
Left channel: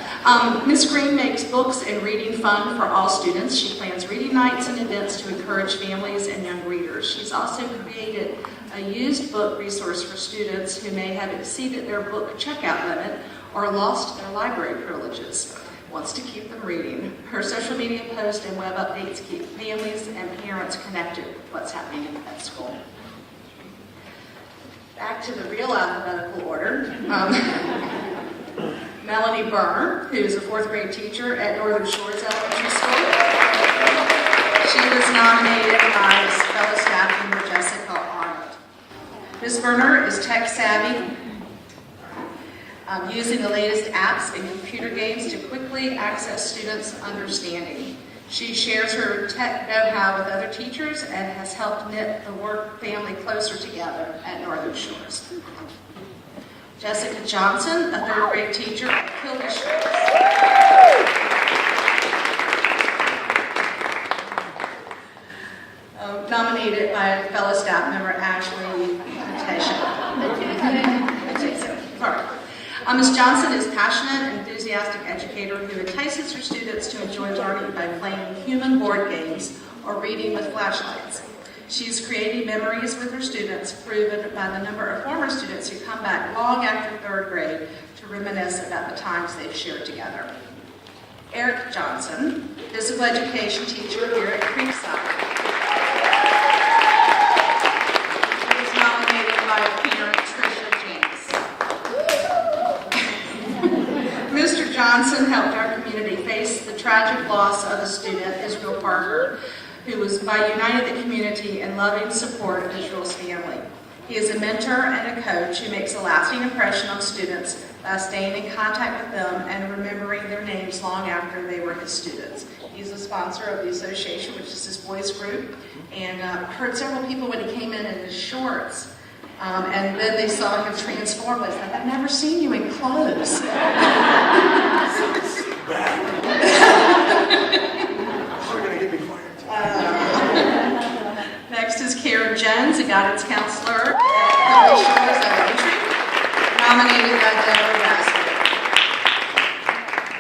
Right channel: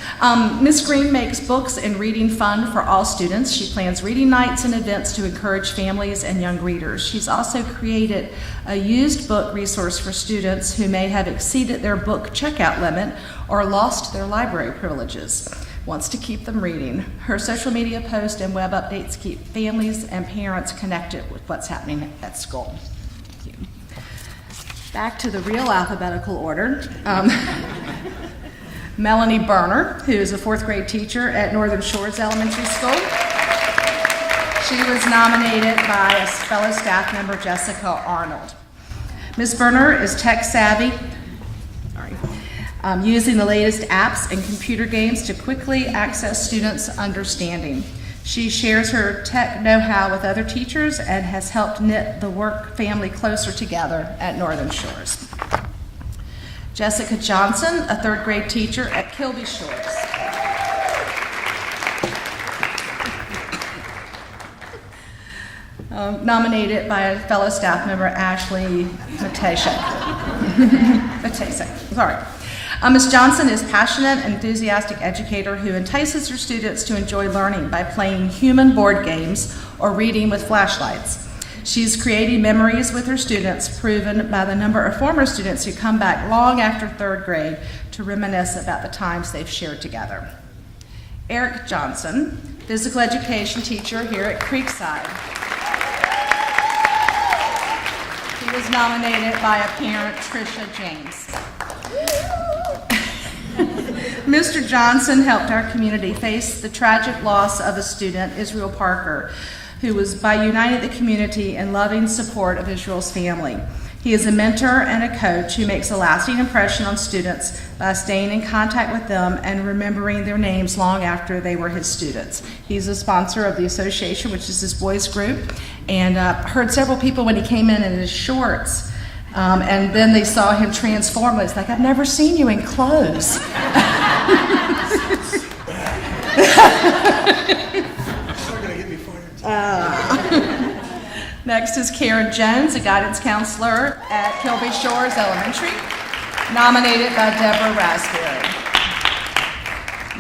Ms. Green makes books and reading fun for all students. She plans reading nights and events to encourage families and young readers. She's also created a used book resource for students who may have exceeded their book checkout limit or lost their library privileges. Wants to keep them reading. Her social media posts and web updates keep families and parents connected with what's happening at school. Back to the real alphabetical order. Melanie Berner, who is a 4th grade teacher at Northern Shores Elementary School. She was nominated by fellow staff member Jessica Arnold. Ms. Berner is tech savvy, using the latest apps and computer games to quickly access students' understanding. She shares her tech know-how with other teachers and has helped knit the work family closer together at Northern Shores. Jessica Johnson, a 3rd grade teacher at Kilby Shores. Nominated by fellow staff member Ashley Matesa. Ms. Johnson is passionate and enthusiastic educator who entices her students to enjoy learning by playing human board games or reading with flashlights. She's creating memories with her students, proven by the number of former students who come back long after 3rd grade to reminisce about the times they've shared together. Eric Johnson, physical education teacher here at Creekside. He was nominated by a parent, Tricia James. Mr. Johnson helped our community face the tragic loss of a student, Israel Parker, who was by uniting the community in loving support of Israel's family. He is a mentor and a coach who makes a lasting impression on students by staying in contact with them and remembering their names long after they were his students. He's a sponsor of the association, which is his boys group, and heard several people when he came in his shorts, and then they saw him transform. It's like, I've never seen you in clothes. Next is Karen Jones, a guidance counselor at Kilby Shores Elementary, nominated by Deborah Raspberry.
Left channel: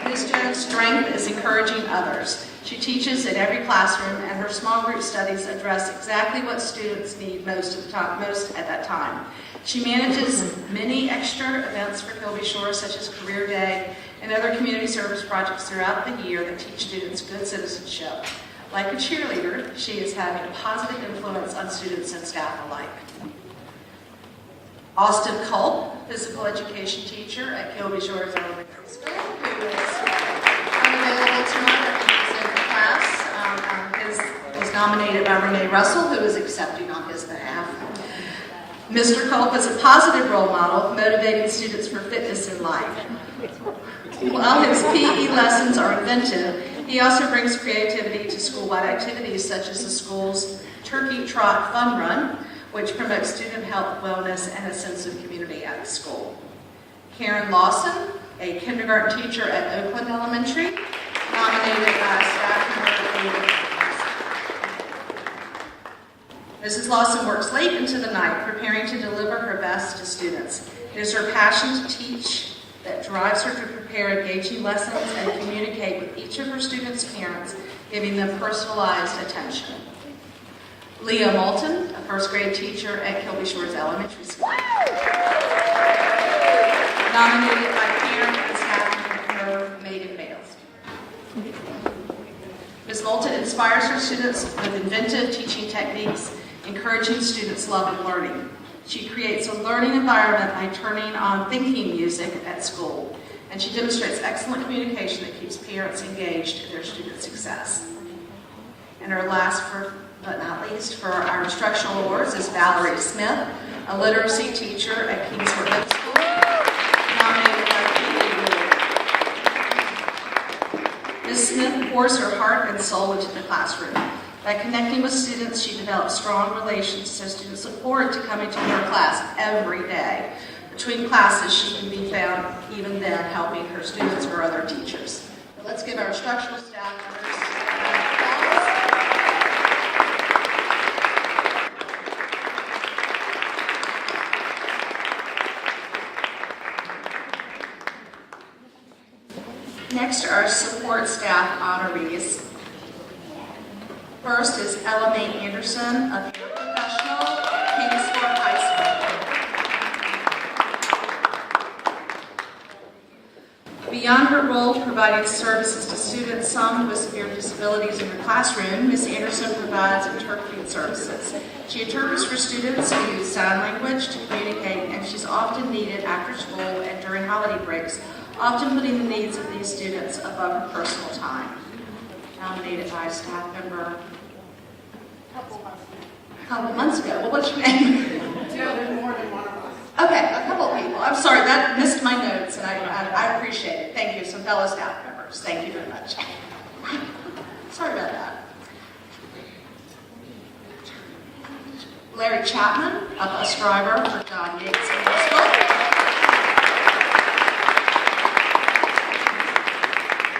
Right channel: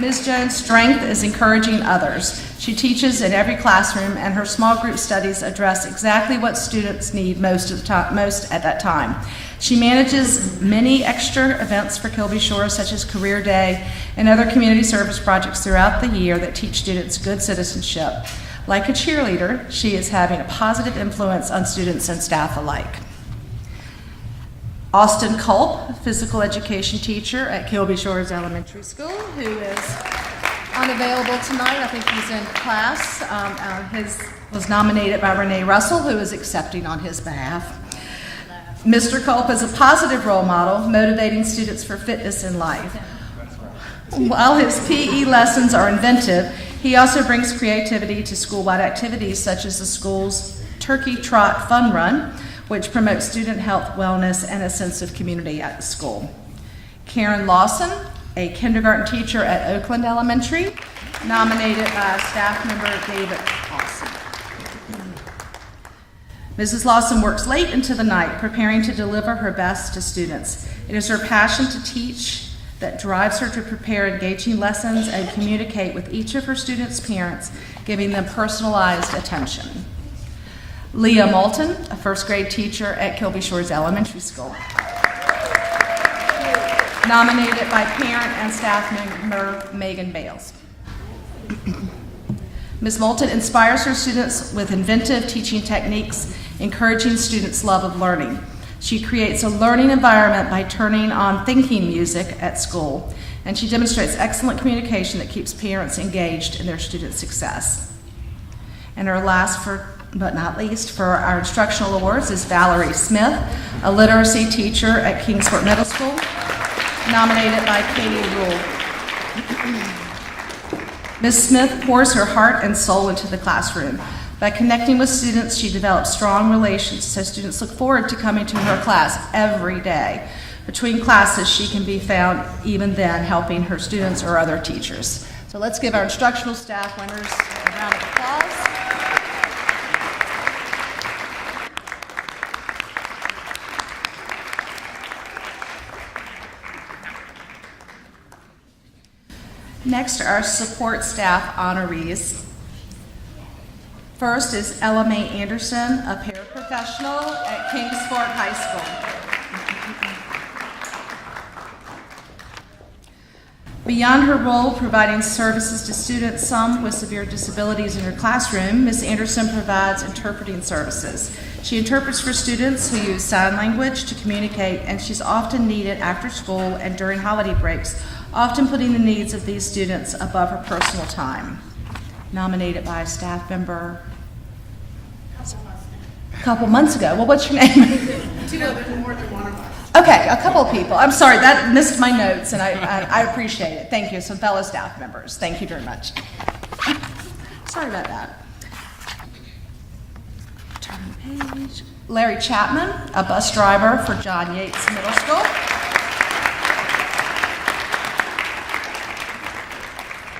Ms. Jones' strength is encouraging others. She teaches in every classroom, and her small group studies address exactly what students need most at that time. She manages many extra events for Kilby Shores, such as Career Day and other community service projects throughout the year that teach students good citizenship. Like a cheerleader, she is having a positive influence on students and staff alike. Austin Culp, physical education teacher at Kilby Shores Elementary School, who is unavailable tonight. I think he's in class. Was nominated by Renee Russell, who is accepting on his behalf. Mr. Culp is a positive role model, motivating students for fitness in life. While his PE lessons are inventive, he also brings creativity to school-wide activities such as the school's Turkey Trot Fun Run, which promotes student health, wellness, and a sense of community at the school. Karen Lawson, a kindergarten teacher at Oakland Elementary, nominated by staff member David Lawson. Mrs. Lawson works late into the night, preparing to deliver her best to students. It is her passion to teach that drives her to prepare engaging lessons and communicate with each of her students' parents, giving them personalized attention. Leah Moulton, a first grade teacher at Kilby Shores Elementary School, nominated by parent and staff member Megan Bales. Ms. Moulton inspires her students with inventive teaching techniques, encouraging students' love of learning. She creates a learning environment by turning on thinking music at school, and she demonstrates excellent communication that keeps parents engaged in their student success. And our last, but not least, for our instructional awards is Valerie Smith, a literacy teacher at Kingsport Middle School, nominated by Katie Rule. Ms. Smith pours her heart and soul into the classroom. By connecting with students, she develops strong relations, so students look forward to coming to her class every day. Between classes, she can be found even then helping her students or other teachers. So let's give our instructional staff members a round of applause. Next are our support staff honorees. First is Ella Mae Anderson, a paraprofessional at Kingsport High School. Beyond her role providing services to students, some with severe disabilities in her classroom, Ms. Anderson provides interpreting services. She interprets for students who use sign language to communicate, and she's often needed after school and during holiday breaks, often putting the needs of these students above her personal time. Nominated by a staff member a couple months ago. Well, what's your name? There's more than one of us. Okay, a couple of people. I'm sorry, that missed my notes, and I appreciate it. Thank you. Some fellow staff members. Thank you very much. Sorry about that. Turn page. Larry Chapman, a bus driver for John Yates Middle School.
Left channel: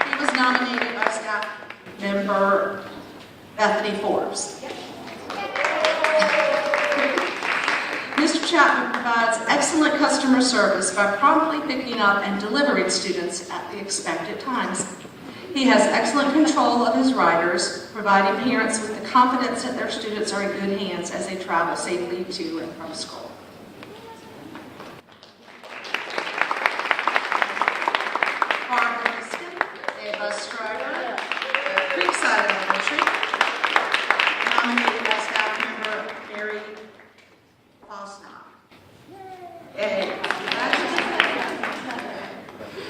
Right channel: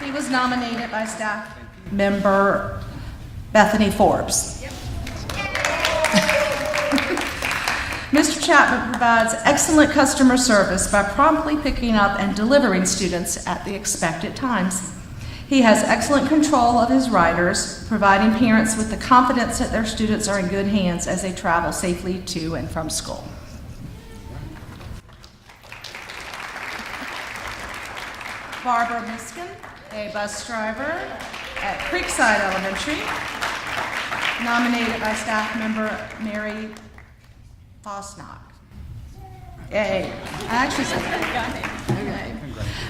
He was nominated by staff member Bethany Forbes. Mr. Chapman provides excellent customer service by promptly picking up and delivering students at the expected times. He has excellent control of his riders, providing parents with the confidence that their students are in good hands as they travel safely to and from school. Barbara Miskin, a bus driver at Creekside Elementary, nominated by staff member Mary Fosnock.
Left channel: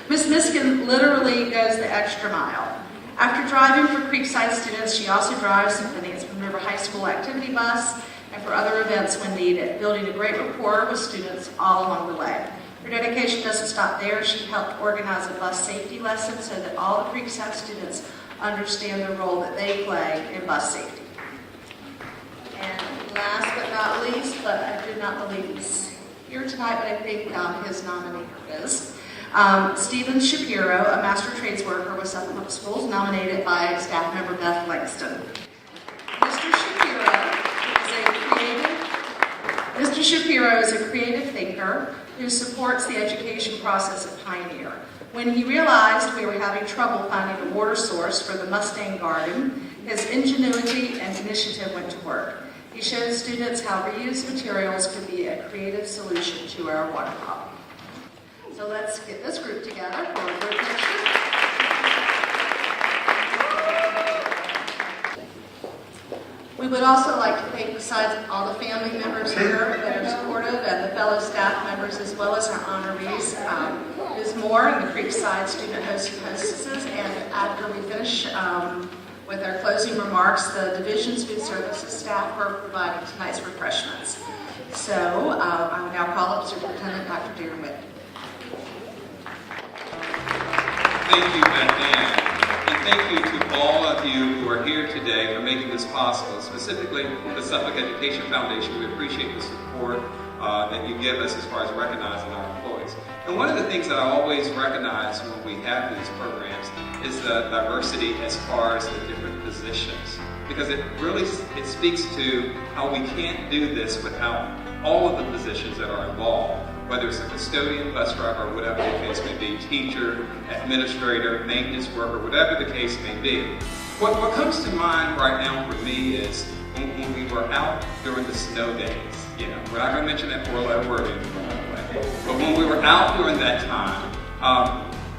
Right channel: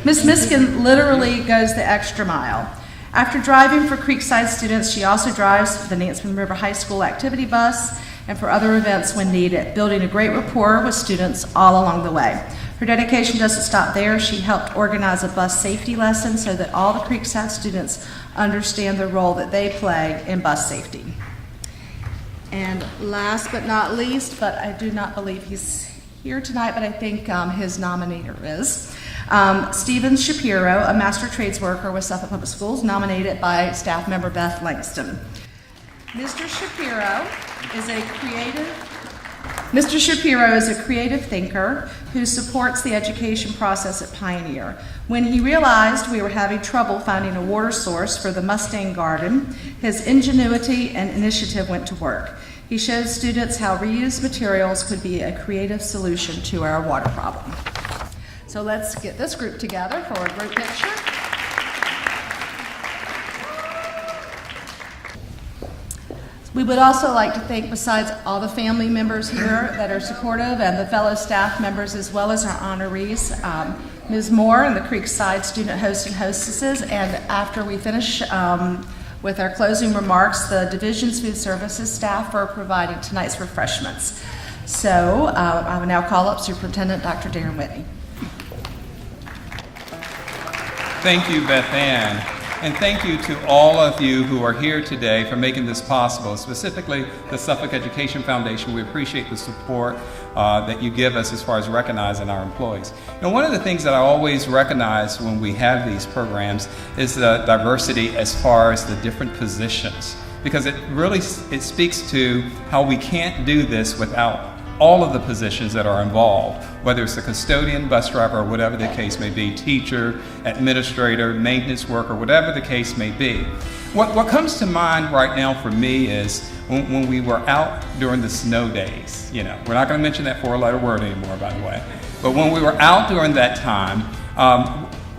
Ms. Miskin literally goes the extra mile. After driving for Creekside students, she also drives for the Nansemond River High School activity bus and for other events when needed, building a great rapport with students all along the way. Her dedication doesn't stop there. She helped organize a bus safety lesson so that all the Creekside students understand the role that they play in bus safety. And last but not least, but I do not believe he's here tonight, but I think his nominator is, Stephen Shapiro, a master trades worker with Suffolk Public Schools, nominated by staff member Beth Langston. Mr. Shapiro is a creative thinker who supports the education process at Pioneer. When he realized we were having trouble finding a water source for the Mustang Garden, his ingenuity and initiative went to work. He showed students how reused materials could be a creative solution to our water problem. So let's get this group together for a group picture. We would also like to thank, besides all the family members here that are supportive and the fellow staff members, as well as our honorees, Ms. Moore and the Creekside student hosts and hostesses. And after we finish with our closing remarks, the Division's Food Services staff for providing tonight's refreshments. So I will now call up Superintendent Dr. Darren Whitney. Thank you, Beth Ann. And thank you to all of you who are here today for making this possible, specifically the Suffolk Education Foundation. We appreciate the support that you give us as far as recognizing our employees. And one of the things that I always recognize when we have these programs is the diversity as far as the different positions, because it speaks to how we can't do this without all of the positions that are involved, whether it's a custodian, bus driver, or whatever the case may be, teacher, administrator, maintenance worker, whatever the case may be. What comes to mind right now for me is when we were out during the snow days. You know, we're not going to mention that four-letter word anymore, by the way. But when we were out during that time,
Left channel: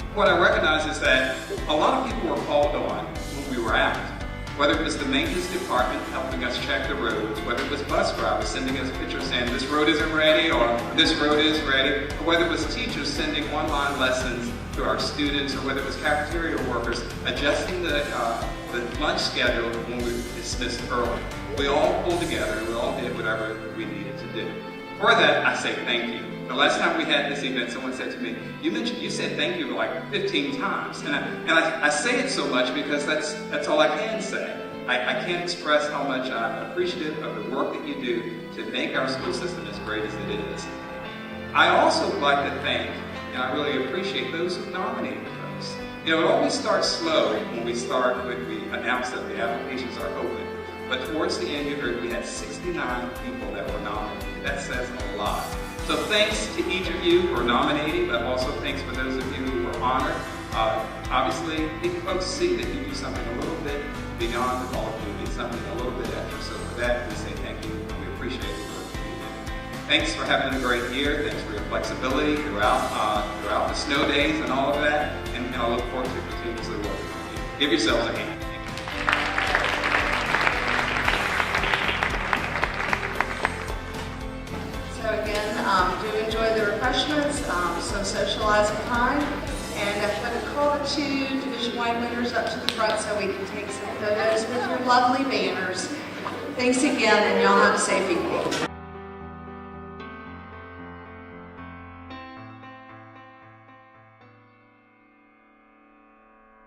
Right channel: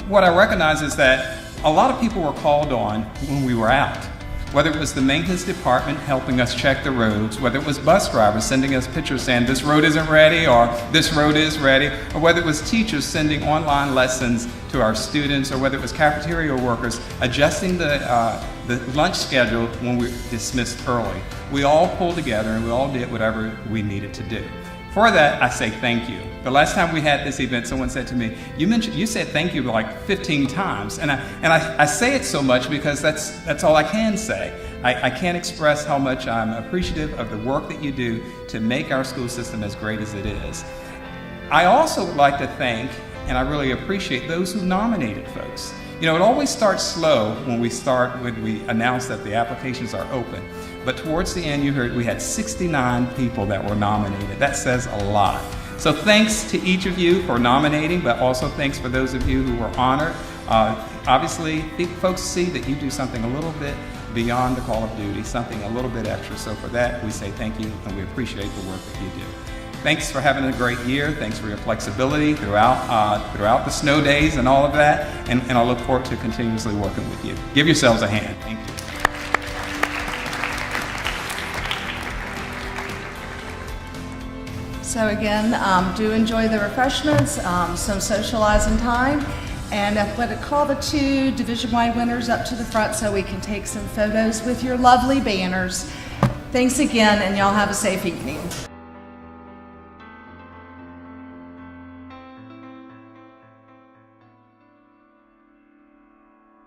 what I recognize is that a lot of people were called on when we were out. Whether it was the maintenance department helping us check the roads, whether it was bus drivers sending us pictures saying this road isn't ready or this road is ready, or whether it was teachers sending online lessons to our students, or whether it was cafeteria workers adjusting the lunch schedule when we were dismissed early. We all pulled together and we all did whatever we needed to do. For that, I say thank you. The last time we had this event, someone said to me, you said thank you like 15 times. And I say it so much because that's all I can say. I can't express how much I'm appreciative of the work that you do to make our school system as great as it is. I also like to thank, and I really appreciate, those who nominated folks. You know, it always starts slow when we announce that the applications are open. But towards the end, you heard we had 69 people that were nominated. That says a lot. So thanks to each of you for nominating, but also thanks for those of you who were honored. Obviously, folks see that you do something a little bit beyond the call of duty, something a little bit extra. So for that, we say thank you, and we appreciate the work that you do. Thanks for having a great year. Thanks for your flexibility throughout the snow days and all of that. And I look forward to continuously working with you. Give yourselves a hand. Thank you. So again, do enjoy the refreshments, some socializing time, and I'm going to call the two division-wide winners up to the front so we can take some photos with your lovely banners. Thanks again, and y'all have a safe evening.